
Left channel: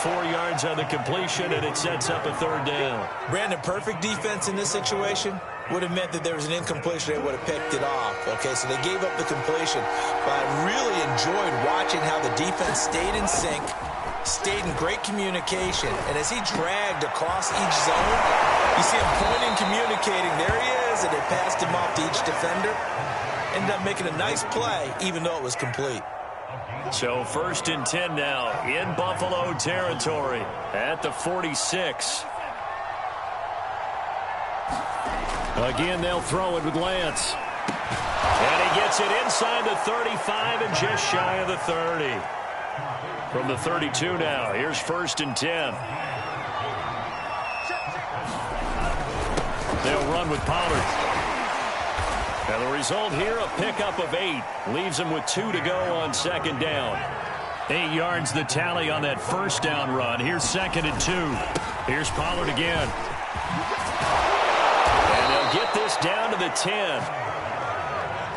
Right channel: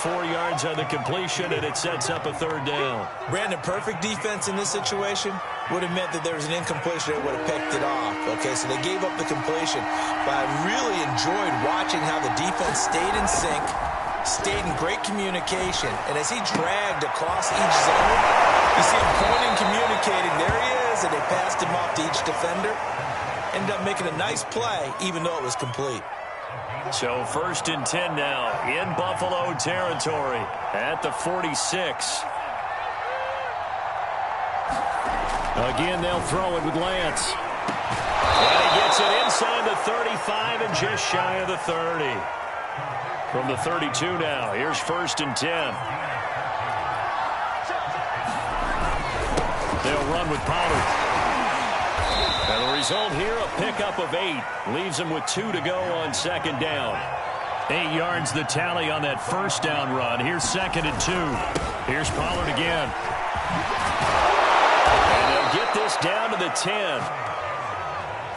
4 yards on the completion, and it sets up a third down. Brandon, perfect defense in this situation would have meant that there was an incompletion. They would have picked it off. Okay, so they gave up the completion. But I really enjoyed watching how the defense stayed in sync, stayed in great communication. And as he dragged across each zone, you see him pointing, communicating. There he is, and they passed him off to each defender. Ended up making a nice play, even though it was complete. So first and 10 now in Buffalo territory at the 46. Again, they'll throw it with Lance. And he gets it inside the 35 and just shy of the 30. From the 32 now, here's first and 10. They'll run with Pollard. And the result here, a pickup of 8. Leaves him with 2 to go on second down. 8 yards the tally on that first down run. Here's second and 2. Here's Pollard again. And they'll get this down to the 10.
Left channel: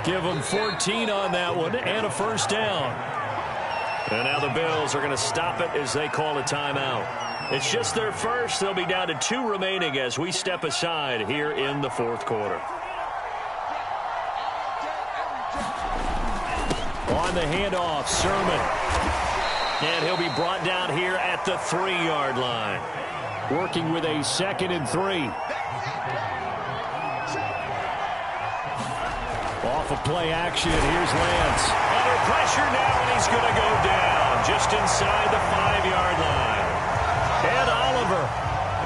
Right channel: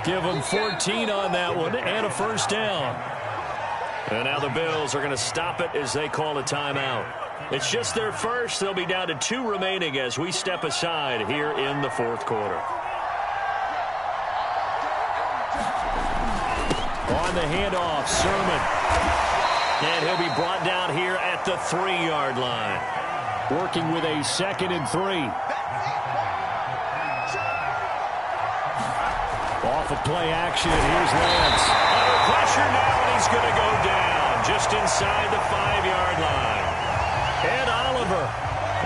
Give them 14 on that one and a first down. And now the Bills are going to stop it as they call a timeout. It's just their first. They'll be down to 2 remaining as we step aside here in the fourth quarter. On the handoff, Sermon. And he'll be brought down here at the 3-yard line. Working with a second and 3. Off of play action, here's Lance. Under pressure now, and he's going to go down just inside the 5-yard line. And Oliver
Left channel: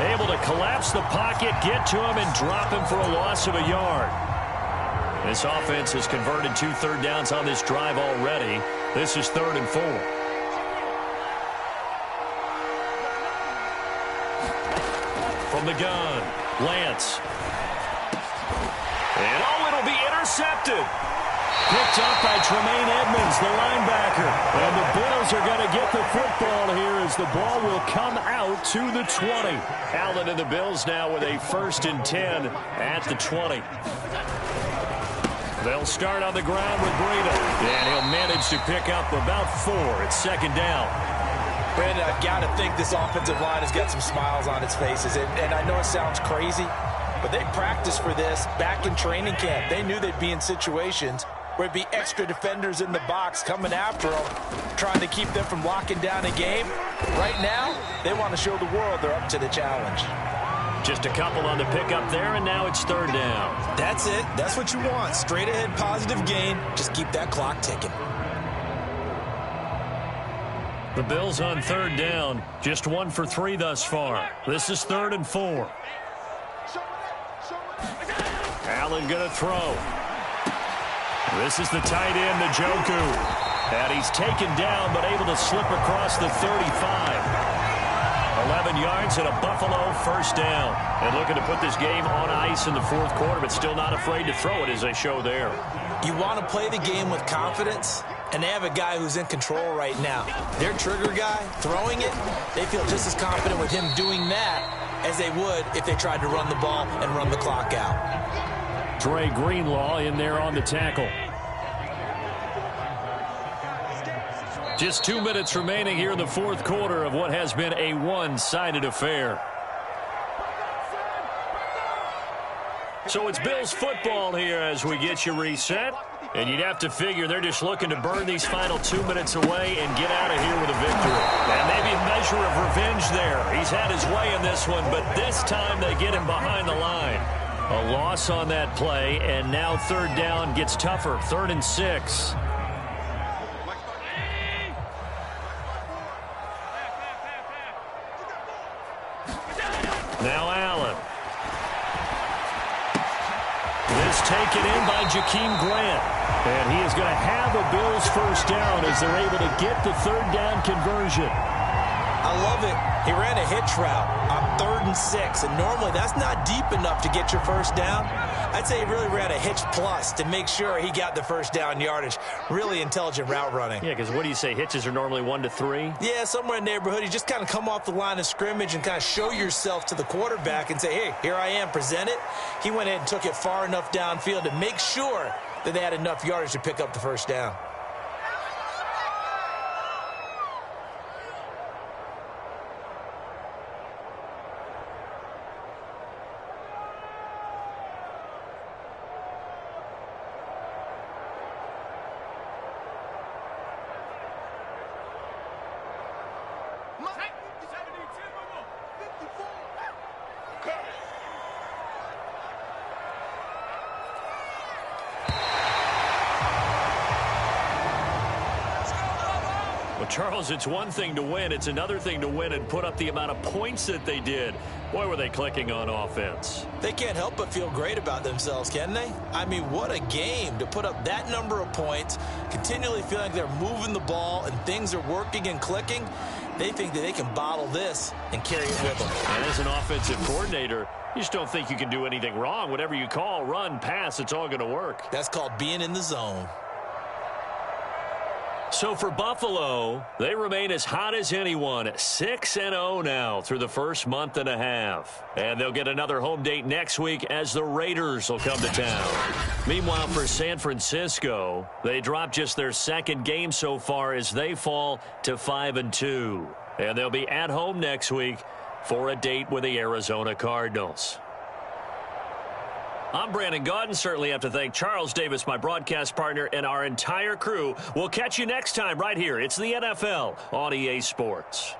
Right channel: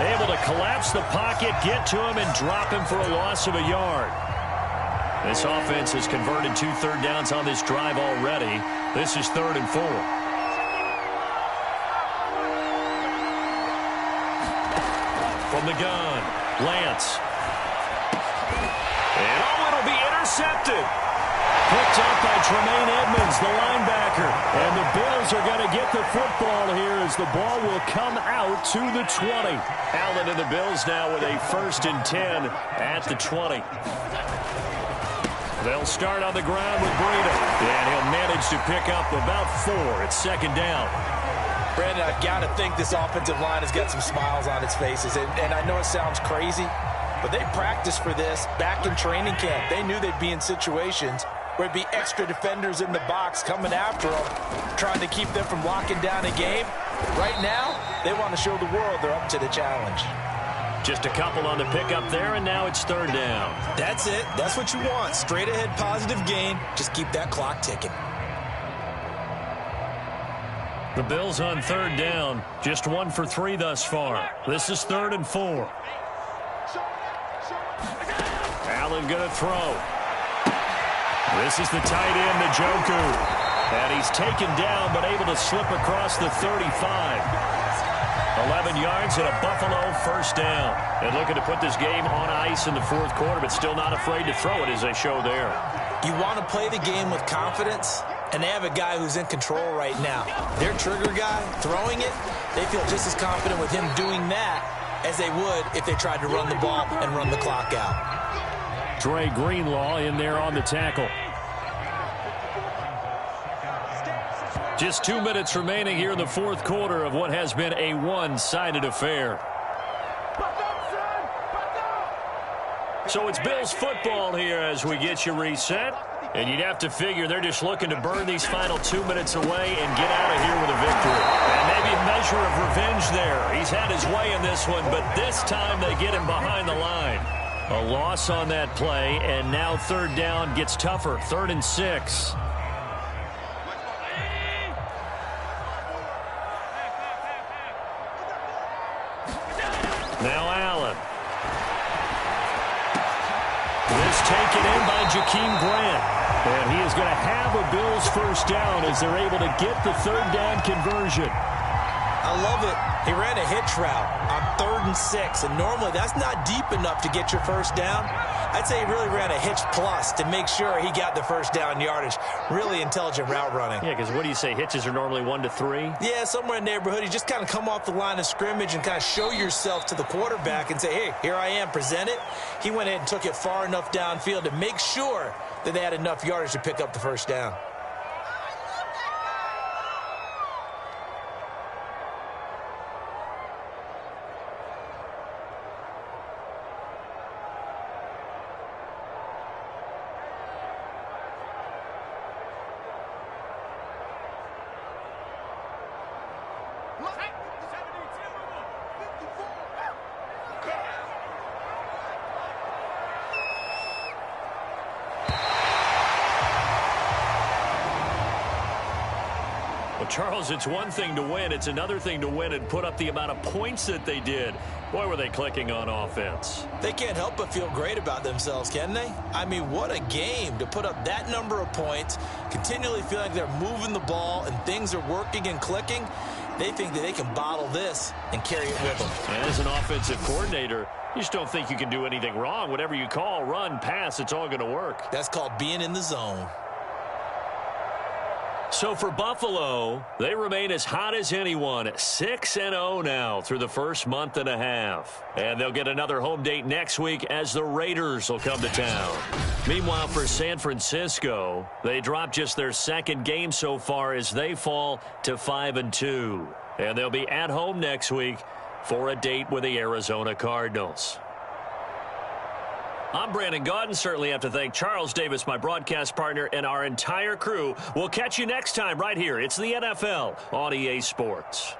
able to collapse the pocket, get to him, and drop him for a loss of a yard. This offense has converted 2 third downs on this drive already. This is 3rd and 4. From the gun, Lance. And it'll be intercepted. Picked up by Tremaine Edmonds, the linebacker. And the Bills are going to get the football here as the ball will come out to the 20. Allen and the Bills now with a 1st and 10 at the 20. They'll start on the ground with Breida. And he'll manage to pick up about 4. It's second down. Brandon, I've got to think this offensive line has got some smiles on its faces. And I know it sounds crazy, but they practiced for this back in training camp. They knew they'd be in situations where it'd be extra defenders in the box coming after them, trying to keep them from locking down a game. Right now, they want to show the world they're up to the challenge. Just a couple on the pickup there, and now it's 3rd down. That's it. That's what you want. Straight ahead positive gain. Just keep that clock ticking. The Bills on 3rd down. Just 1 for 3 thus far. This is 3rd and 4. Allen going to throw. This is the tight end, Njoku. And he's taken down, but able to slip across the 35. 11 yards and a Buffalo 1st down. And looking to put this game on ice in the 4th quarter, but still not afraid to throw it as they show there. You want to play the game with confidence, and they have a guy who's in control right now. Their trigger guy, throwing it, they feel just as confident with him doing that as they would if they tried to run the ball and run the clock out. Dre Greenlaw in there on the tackle. Just 2 minutes remaining here in the 4th quarter of what has been a one-sided affair. So it's Bills football here as we get you reset. And you'd have to figure they're just looking to burn these final 2 minutes away and get out of here with a victory. And maybe a measure of revenge there. He's had his way in this one, but this time they get him behind the line. A loss on that play, and now third down gets tougher. 3rd and 6. Now Allen. This taken in by Jakeem Grant. And he is going to have a Bills first down as they're able to get the third down conversion. I love it. He ran a hitch route on 3rd and 6, and normally that's not deep enough to get your first down. I'd say he really ran a hitch plus to make sure he got the first down yardage. Really intelligent route running. Yeah, because what do you say? Hitches are normally 1 to 3? Yeah, somewhere in the neighborhood. You just kind of come off the line of scrimmage and kind of show yourself to the quarterback and say, hey, here I am, present it. He went ahead and took it far enough downfield to make sure that they had enough yardage to pick up the first down. Well, Charles, it's one thing to win. It's another thing to win and put up the amount of points that they did. Boy, were they clicking on offense. They can't help but feel great about themselves, can they? I mean, what a game to put up that number of points, continually feeling like they're moving the ball and things are working and clicking. They think that they can bottle this and carry it with them. And as an offensive coordinator, you just don't think you can do anything wrong. Whatever you call, run, pass, it's all going to work. That's called being in the zone. So for Buffalo, they remain as hot as anyone, 6-0 now through the first month and a half. And they'll get another home date next week as the Raiders will come to town. Meanwhile, for San Francisco, they dropped just their second game so far as they fall to 5-2. And they'll be at home next week for a date with the Arizona Cardinals. I'm Brandon Gaudin. Certainly have to thank Charles Davis, my broadcast partner, and our entire crew. We'll catch you next time right here. It's the NFL on EA Sports.